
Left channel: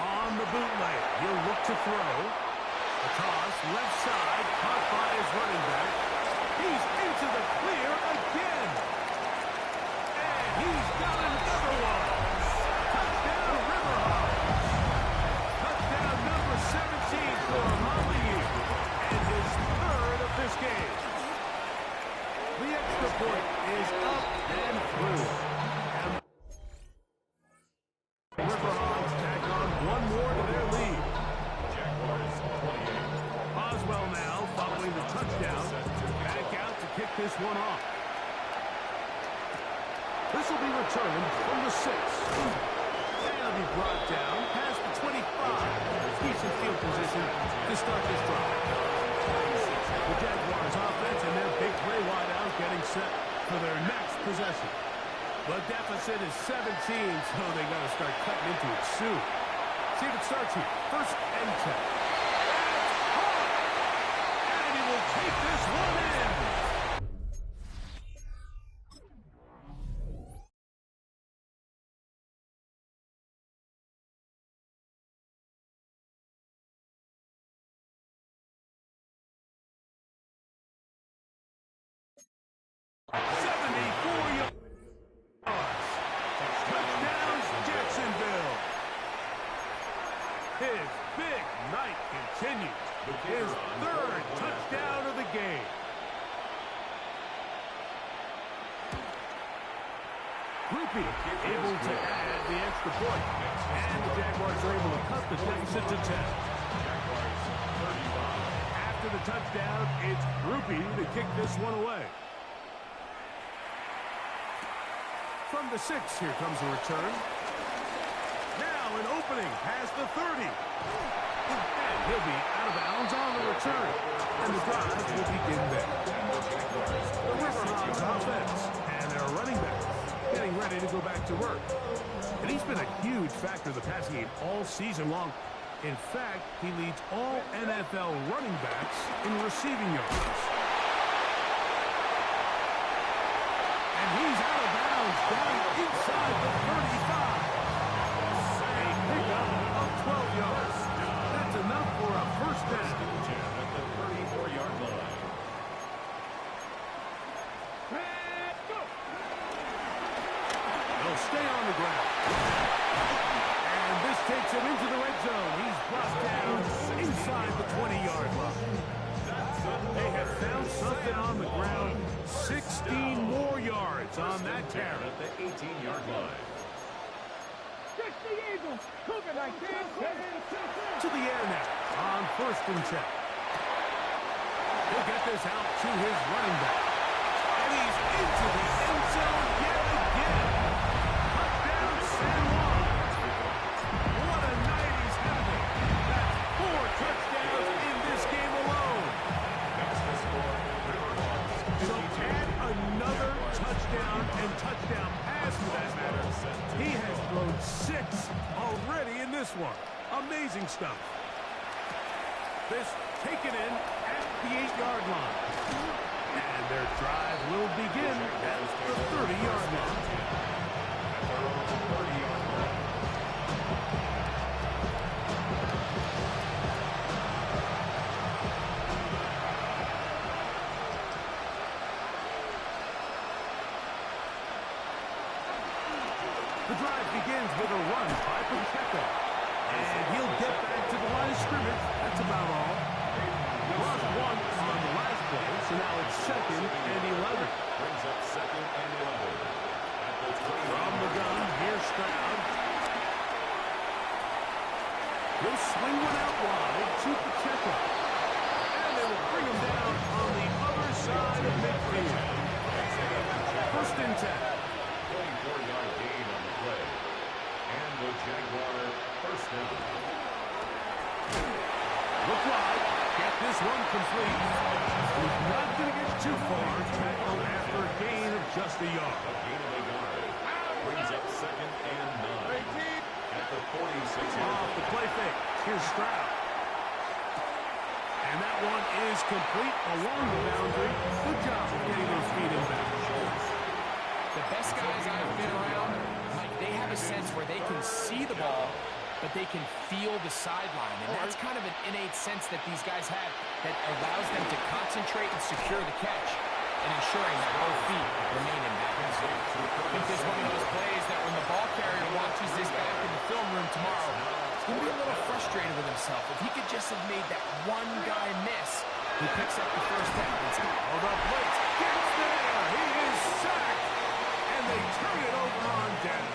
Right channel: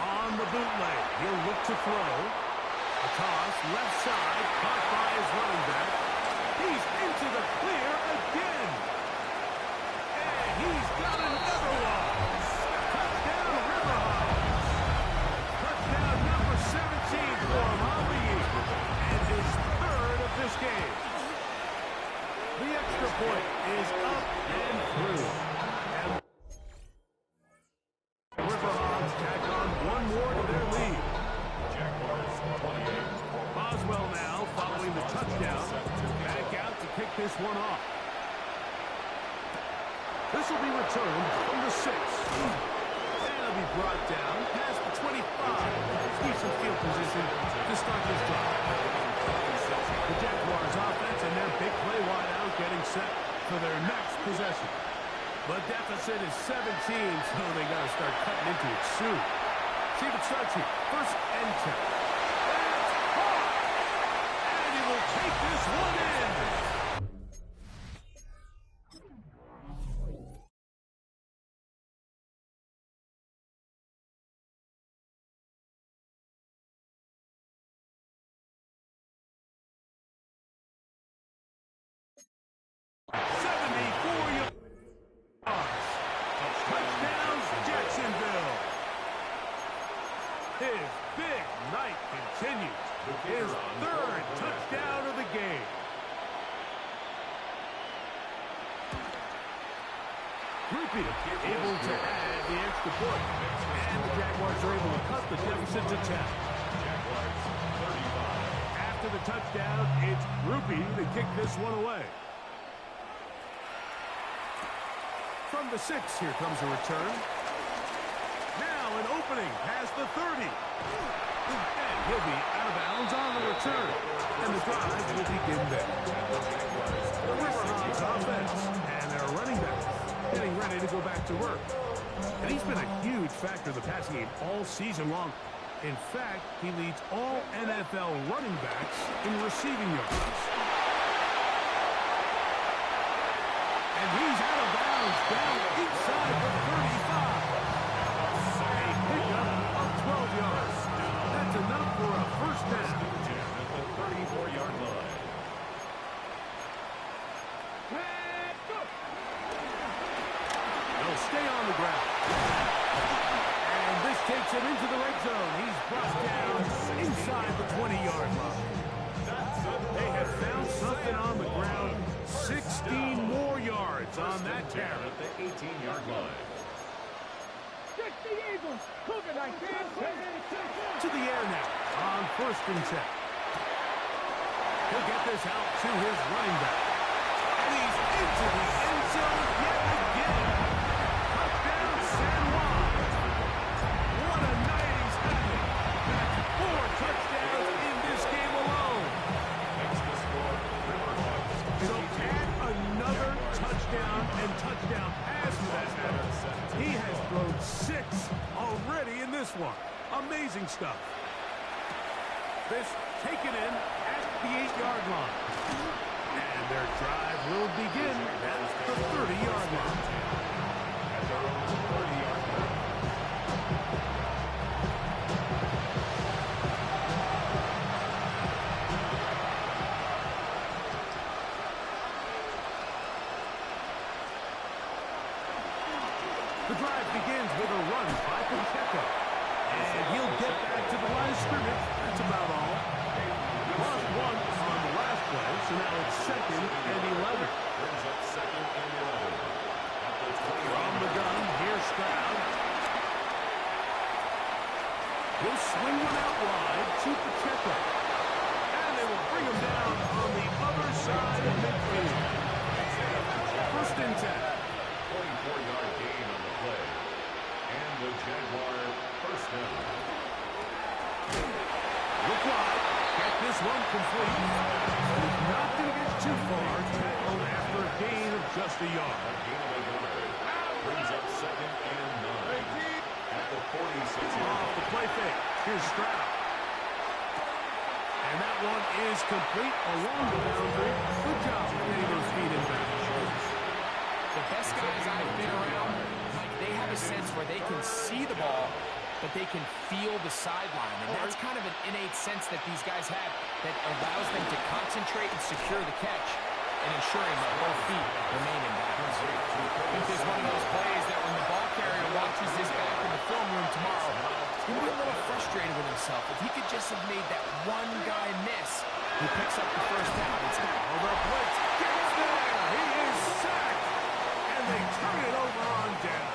On the bootleg, he'll look to throw. A toss, left side, caught by his running back. He's into the clear again. And he's got another one. Touchdown, River Hogs. Touchdown number 17 for him on the year. And his third of this game. The extra point is up and through. And River Hogs tack on one more to their lead. Jaguars 28. Boswell now following the touchdown. Back out to kick this one off. This will be returned from the 6. And it'll be brought down past the 25. Decent field position to start this drive. The Jaguars offense and their big play wide out getting set for their next possession. The deficit is 17, so they got to start cutting into it soon. See if it starts here. First and 10. That's hard! And he will take this one in. Touchdowns, Jacksonville. His big night continues. His third touchdown of the game. Groupie able to add the extra point. And the Jaguars are able to cut the deficit to 10. Jaguars 35. After the touchdown, it's Groupie to kick this one away. From the 6, here comes a return. Now an opening past the 30. And he'll be out of bounds on the return. And the drive will begin there. The River Hogs offense and their running back getting ready to go back to work. And he's been a huge factor in the passing game all season long. In fact, he leads all NFL running backs in receiving yards. And he's out of bounds down inside the 35. A pickup of 12 yards. That's enough for a first down. At the 34-yard line. They'll stay on the ground. And this takes him into the red zone. He's brought down inside the 20-yard line. They have found something on the ground. 16 more yards on that carry. At the 18-yard line. 60 Eagles. Cougar night, man. To the air now on first and 10. He'll get this out to his running back. And he's into the end zone yet again. Touchdown, San Juan. What a night he's having. That's 4 touchdowns in this game alone. Next to score, River Hogs. So add another touchdown and touchdown pass for that matter. He has thrown 6 already in this one. Amazing stuff. This taken in at the 8-yard line. And their drive will begin at the 30-yard line. At their own 30-yard line. The drive begins with a run by Pacheco. And he'll get back to the line of scrimmage. That's about all. Lost 1 on the last play, so now it's 2nd and 11. Brings up 2nd and 11. At the 20. From the gun, here's Stroud. He'll swing one out wide to Pacheco. And they will bring him down on the other side of midfield. First and 10. 24-yard gain on the play. And the Jaguar first down. Look wide. Get this one complete. He's not going to get too far. Tackled after a gain of just a yard. A gain of a yard. Brings up 2nd and 9. At the 46-yard Off line. the play fake. Here's Stroud. And that one is complete along the boundary. Good job of getting those feet in bounds. The best guys I've been around, Mike, they have a sense where they can see the ball, but they can feel the sideline. And that's kind of an innate sense that these guys have that allows them to concentrate and secure the catch and ensuring that both feet remain in balance. I think there's one of those plays that when the ball carrier watches this back in the film room tomorrow, he's going to be a little frustrated with himself. If he could just have made that one guy miss, he picks up the first down. Oh, the blitz gets there. He is sacked. And they turn it over on down.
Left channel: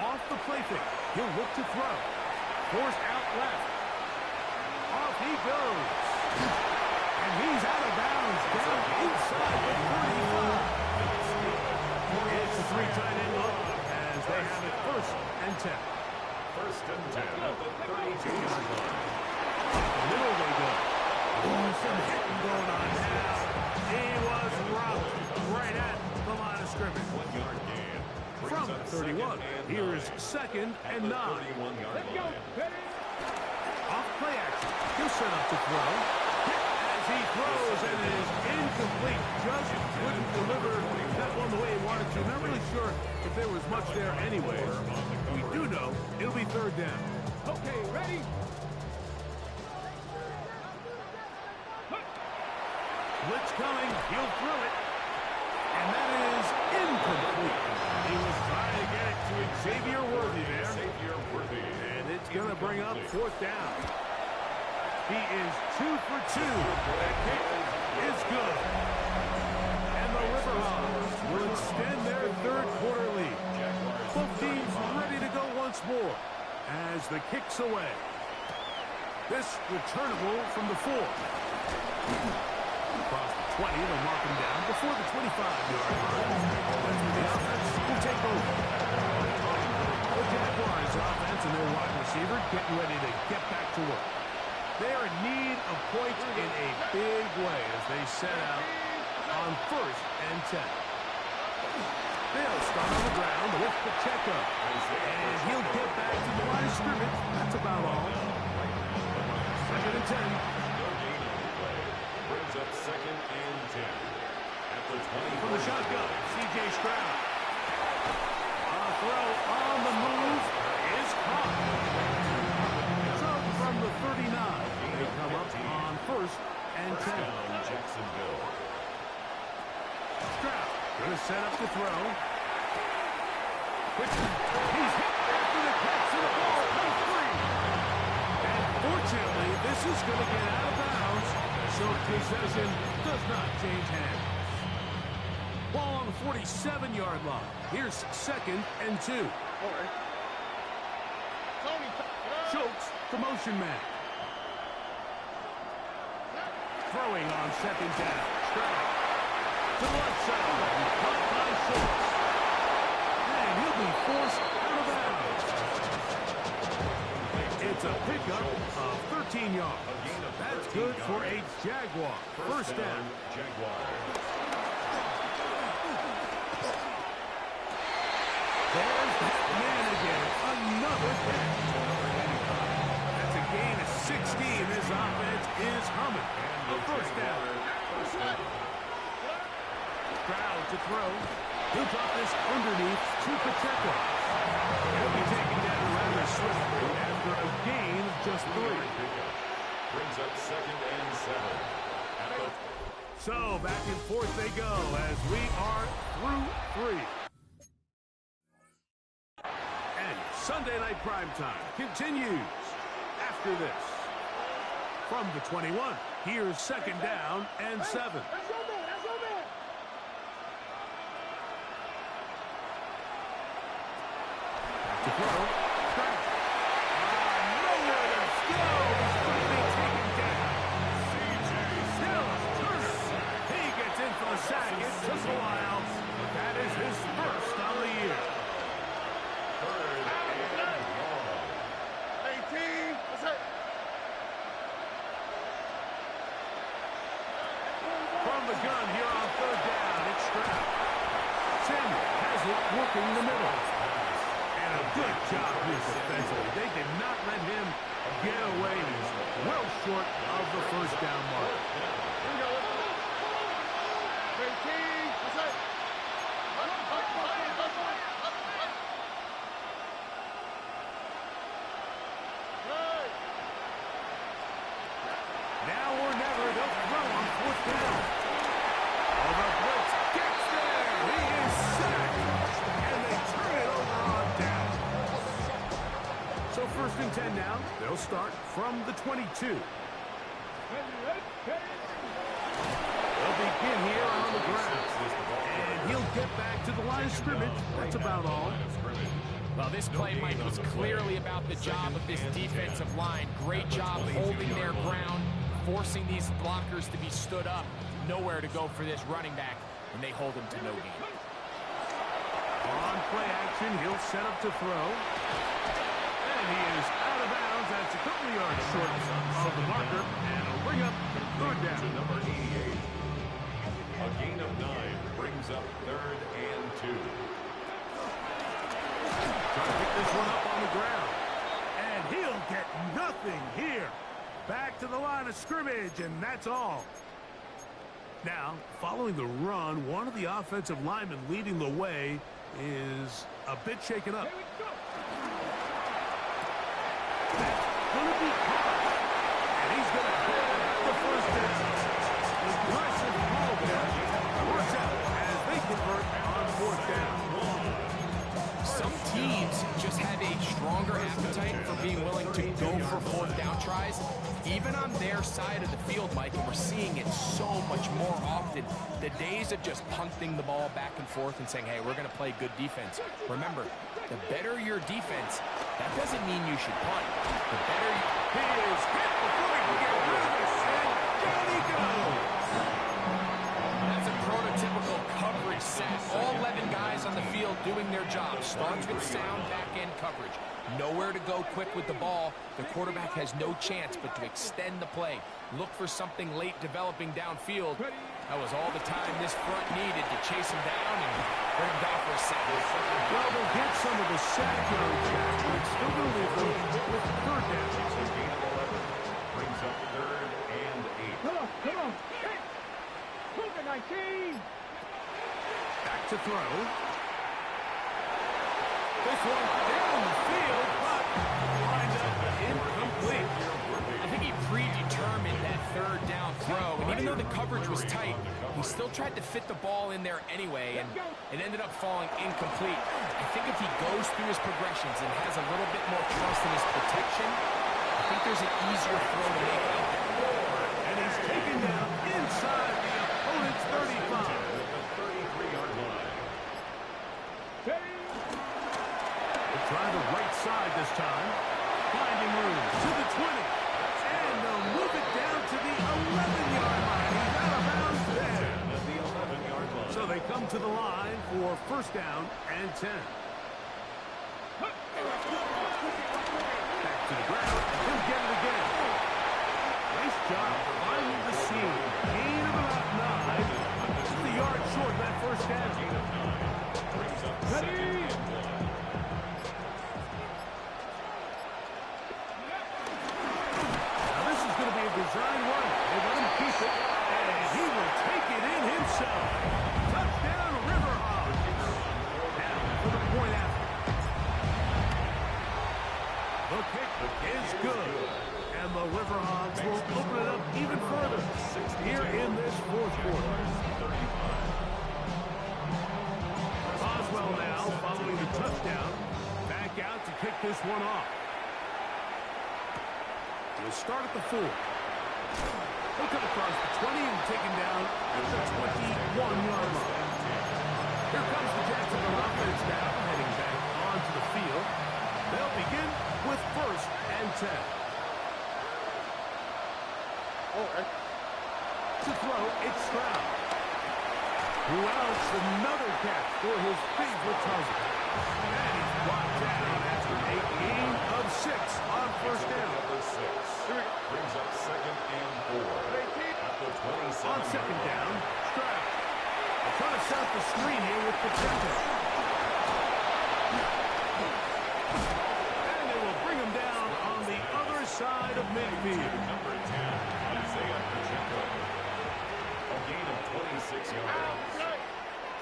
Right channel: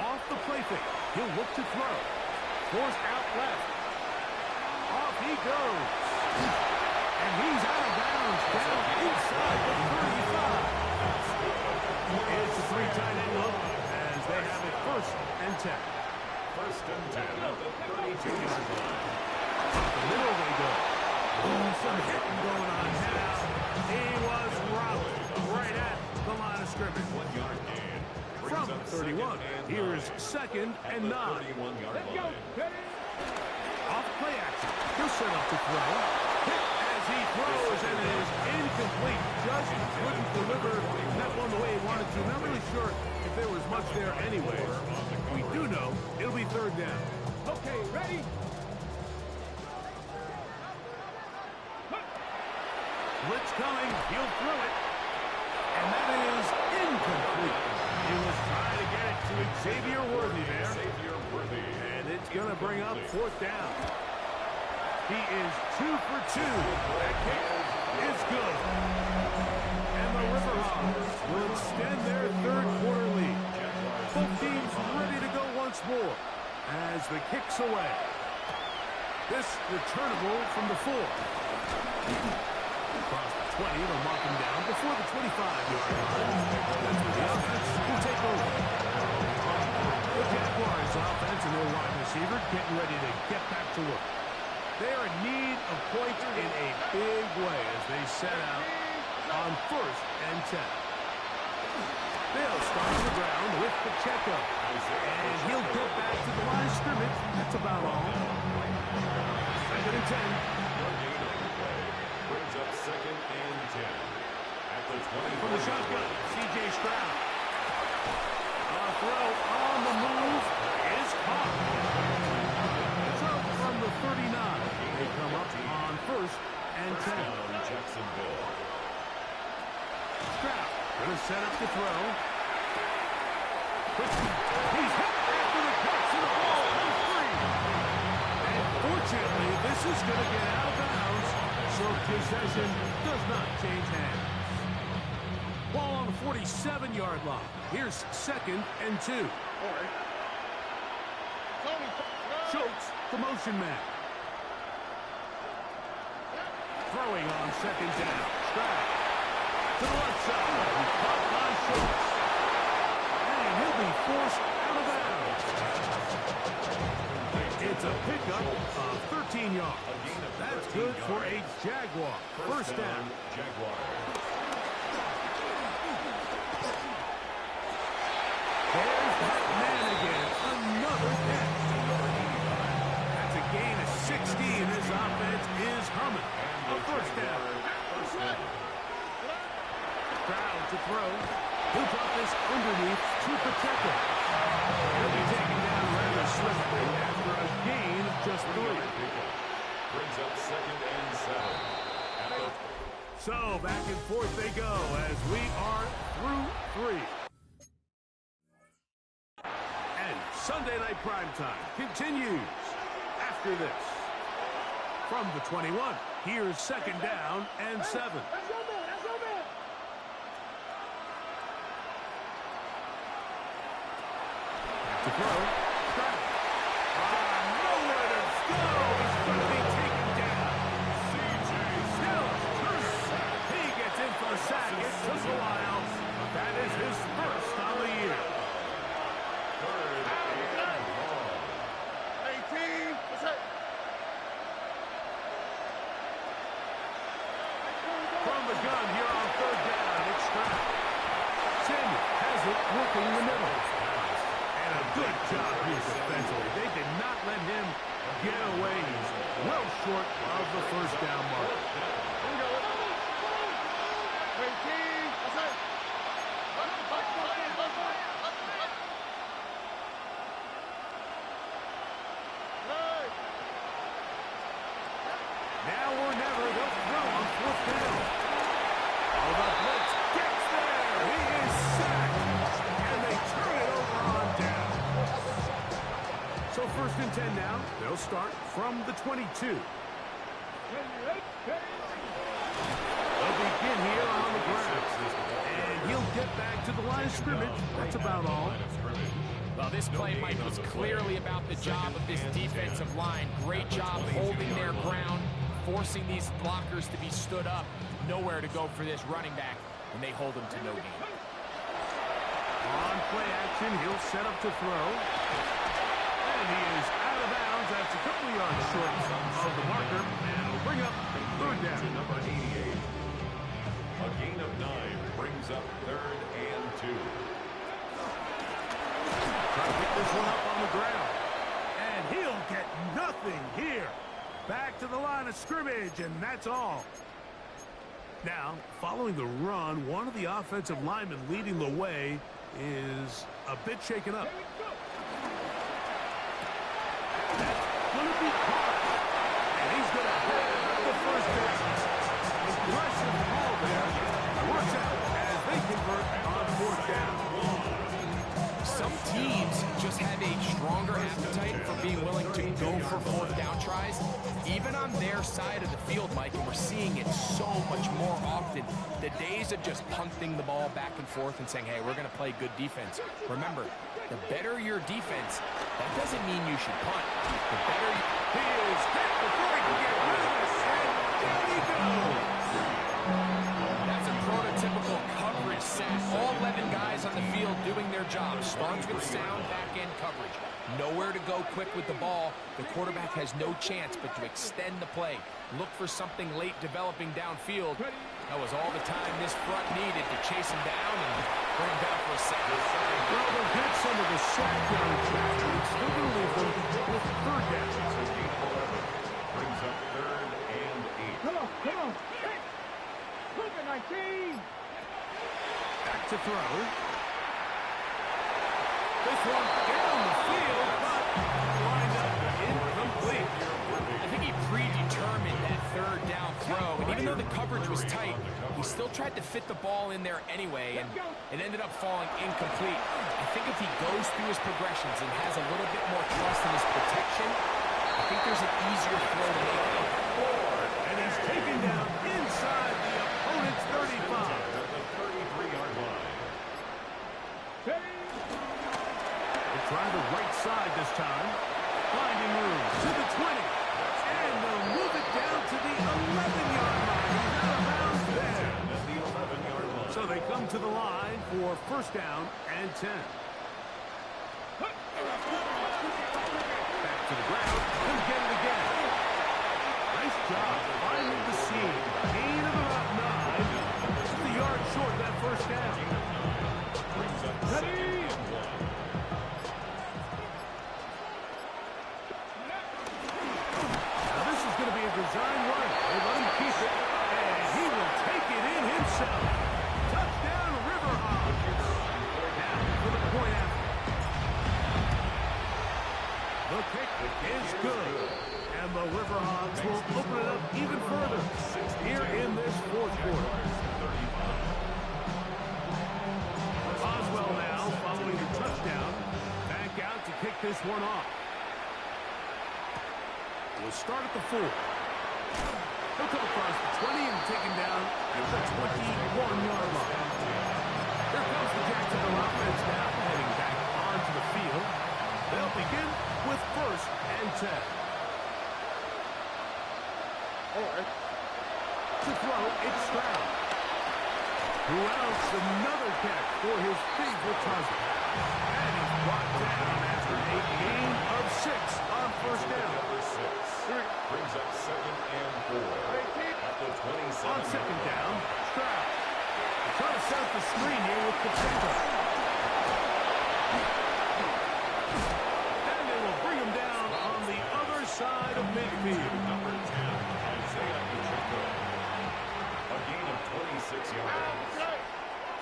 Off the play fake. He'll look to throw. Forced out left. Off he goes. And he's out of bounds down inside the 35. It's a 3 tight end look as they have it 1st and 10. 1st and 10 at the 32-yard line. Up the middle they go. Ooh, some hitting going on now. He was robbed right at the line of scrimmage. 1 yard gain. From 31, here's 2nd and 9. Let's go. Off play action. He'll set up to throw. Hit as he throws, and it is incomplete. Just couldn't deliver that one the way he wanted to. Not really sure if there was much there anyway. We do know it'll be 3rd down. Okay, ready? Blitz coming. He'll throw it. And that is incomplete. He was trying to get it to Xavier Worthy there. And it's going to bring up 4th down. He is 2 for 2. That kick is good. And the River Hogs will extend their 3rd quarter lead. Both teams ready to go once more as the kick's away. This returnable from the 4. Across the 20, they'll mark him down before the 25-yard line. That's where the offense will take over. The Jaguars offense and their wide receiver getting ready to get back to work. They are in need of points in a big way as they set out on 1st and 10. They'll start on the ground with Pacheco. And he'll get back to the line of scrimmage. That's about all. 2nd and 10. Brings up 2nd and 10 at the 20. From the shotgun, C.J. Stroud. A throw on the move is caught. So from the 39, they come up on 1st and 10. Down Jacksonville. Stroud going to set up to throw. He's hit after the catch, and the ball comes free. And fortunately, this is going to get out of bounds. So possession does not change hands. Ball on the 47-yard line. Here's 2nd and 2. Schultz, the motion man. Throwing on 2nd down. Stroud to the left side. Caught by Schultz. And he'll be forced out of bounds. It's a pickup of 13 yards. That's good for a Jaguar. 1st down. Jaguars. There's that man again. Another catch. That's a gain of 16. This offense is humming. A 1st down. Stroud to throw. He'll drop this underneath to Pacheco. He'll be taken down rather swiftly after a gain of just 3. Brings up 2nd and 7. So back and forth they go as we are through 3. And Sunday Night Primetime continues after this. From the 21, here's 2nd down and 7. That's your man. That's your man. To throw. Stroud. Nowhere to go. He's going to be taken down. Dallas Turner. He gets in for the sack. It took a while, but that is his 1st on the year. 3rd and long. 18. What's that? From the gun here on 3rd down, it's Stroud. Samuel has it working the middle. And a good job here defensively. They did not let him get away. He's well short of the first down mark. Here we go. 18. That's it. Now or never, they'll throw on fourth down. Oh, the blitz gets there. He is sacked. And they turn it over on down. So 1st and 10 now. They'll start from the 22. They'll begin here on the ground. And he'll get back to the line of scrimmage. That's about all. Well, this play, Mike, was clearly about the job of this defensive line. Great job holding their ground, forcing these blockers to be stood up. Nowhere to go for this running back, and they hold him to no gain. On play action, he'll set up to throw. And he is out of bounds. That's a couple of yards short of the marker. And it'll bring up 3rd down. To number 88. A gain of 9 brings up 3rd and 2. Try to pick this one up on the ground. And he'll get nothing here. Back to the line of scrimmage, and that's all. Now, following the run, one of the offensive linemen leading the way is a bit shaken up. That's going to be caught. And he's going to have the first down. Aggressive call there. Works out as they convert on 4th down. Some teams just have a stronger appetite for being willing to go for 4th down tries, even on their side of the field, Mike, and we're seeing it so much more often. The days of just punting the ball back and forth and saying, hey, we're going to play good defense. Remember, the better your defense, that doesn't mean you should punt. The better you... He is hit before he can get rid of this, and down he goes. That's a prototypical coverage sack. All 11 guys on the field doing their job. Starts with sound back-end coverage. Nowhere to go quick with the ball. The quarterback has no chance but to extend the play. Look for something late developing downfield. That was all the time this front needed to chase him down and bring him down for a sack. Well, they'll get some of the sack yards back, but it's still going to leave them with 3rd down. It's a gain of 11. Brings up 3rd and 8. Come on, come on. Hey. Move it, 19. Back to throw. This one down the field, but lined up incomplete. I think he predetermined that 3rd down throw, and even though the coverage was tight, he still tried to fit the ball in there anyway, and it ended up falling incomplete. I think if he goes through his progressions and has a little bit more trust in his protection, I think there's an easier throw to make out there. And he's taken down inside the opponent's 35. At the 33-yard line. They'll try the right side this time. Finding room to the 20. And they'll move it down to the 11-yard line. He's out of bounds there. At the 11-yard line. So they come to the line for 1st down and 10. Back to the ground. He'll get it again. Nice job finding the seam. Gain of about 9. Just a yard short of that 1st down. Gain of 9. Brings up 2nd and 1. Now this is going to be a design run. They let him keep it, and he will take it in himself. Touchdown, River Hogs. Now for the point after. The kick is good. And the River Hogs will open it up even further here in this 4th quarter. Boswell now following the touchdown. Back out to kick this one off. We'll start at the 4. He'll come across the 20 and taken down at the 21-yard line. Here comes the Jacksonville offense now, heading back onto the field. They'll begin with 1st and 10. All right. To throw, it's Stroud. Who else? Another catch for his favorite target. And he's brought down after a gain of 6 on 1st down. Number 6 brings up 2nd and 4. At the 27. On 2nd down, Stroud. Trying to set up the screen here with Pacheco. And they will bring him down on the other side of midfield. Number 10, Isaiah Pacheco. A gain of 26 yards.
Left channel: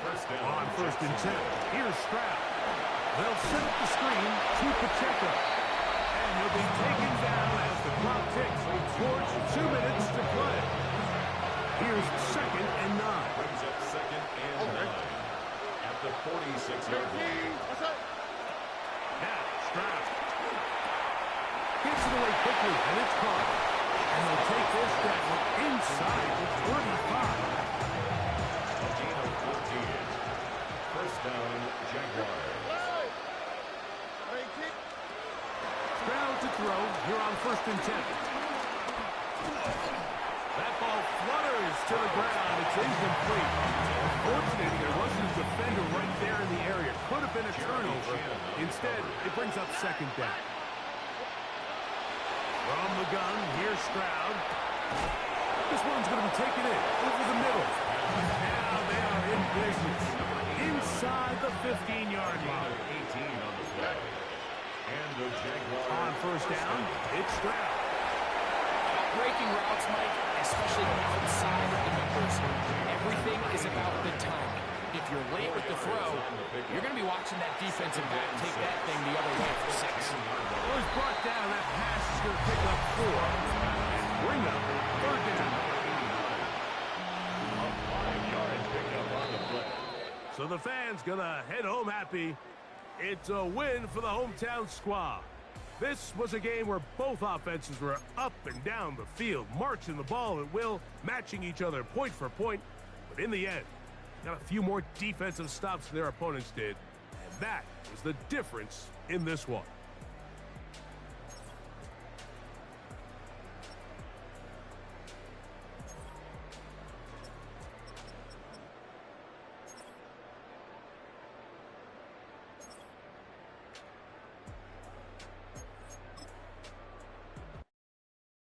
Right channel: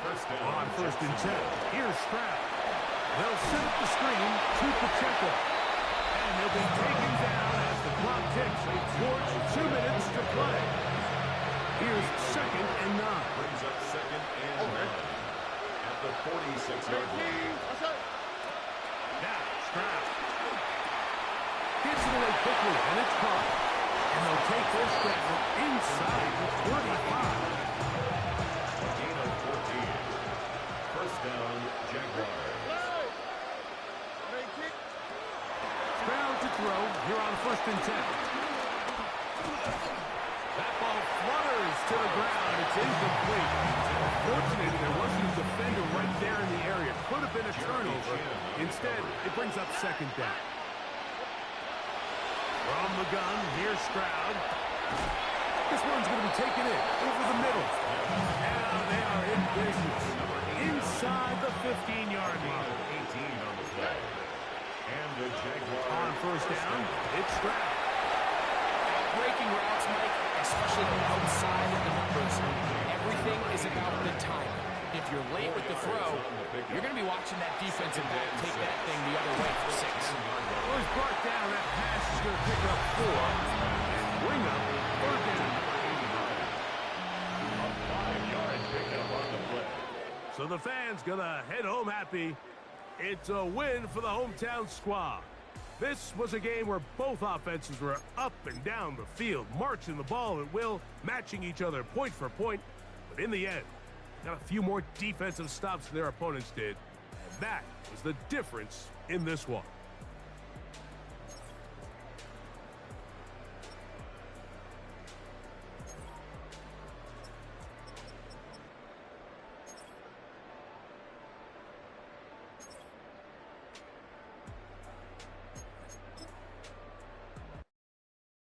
First down. On first and 10, here's Stroud. They'll set up the screen to Pacheco. And he'll be taken down as the clock ticks towards 2 minutes to play. Here's second and 9. Brings up second and 9 at the 46-yard line. Now, Stroud gets it away quickly, and it's caught. And they'll take this down inside the 25. A gain of 14. First down, Jaguars. Stroud to throw here on first and 10. That ball flutters to the ground. It's incomplete. Fortunately, there wasn't a defender right there in the area. Could have been a turnover. Instead, it brings up second down. From the gun, here's Stroud. This one's going to be taken in over the middle. Now they are in business inside the 15-yard line. 18 on the play. And the Jaguars on first down, it's Stroud. Breaking routes, Mike, especially outside of the numbers, everything is about the timing. If you're late with the throw, you're going to be watching that defensive back take that thing the other way for 6. Well, he's brought down. That pass is going to pick up 4 and bring up third down. A 5-yard pickup on the play. So the fans going to head home happy. It's a win for the hometown squad. This was a game where both offenses were up and down the field, marching the ball at will, matching each other point for point. But in the end, got a few more defensive stops than their opponents did. And that was the difference in this one.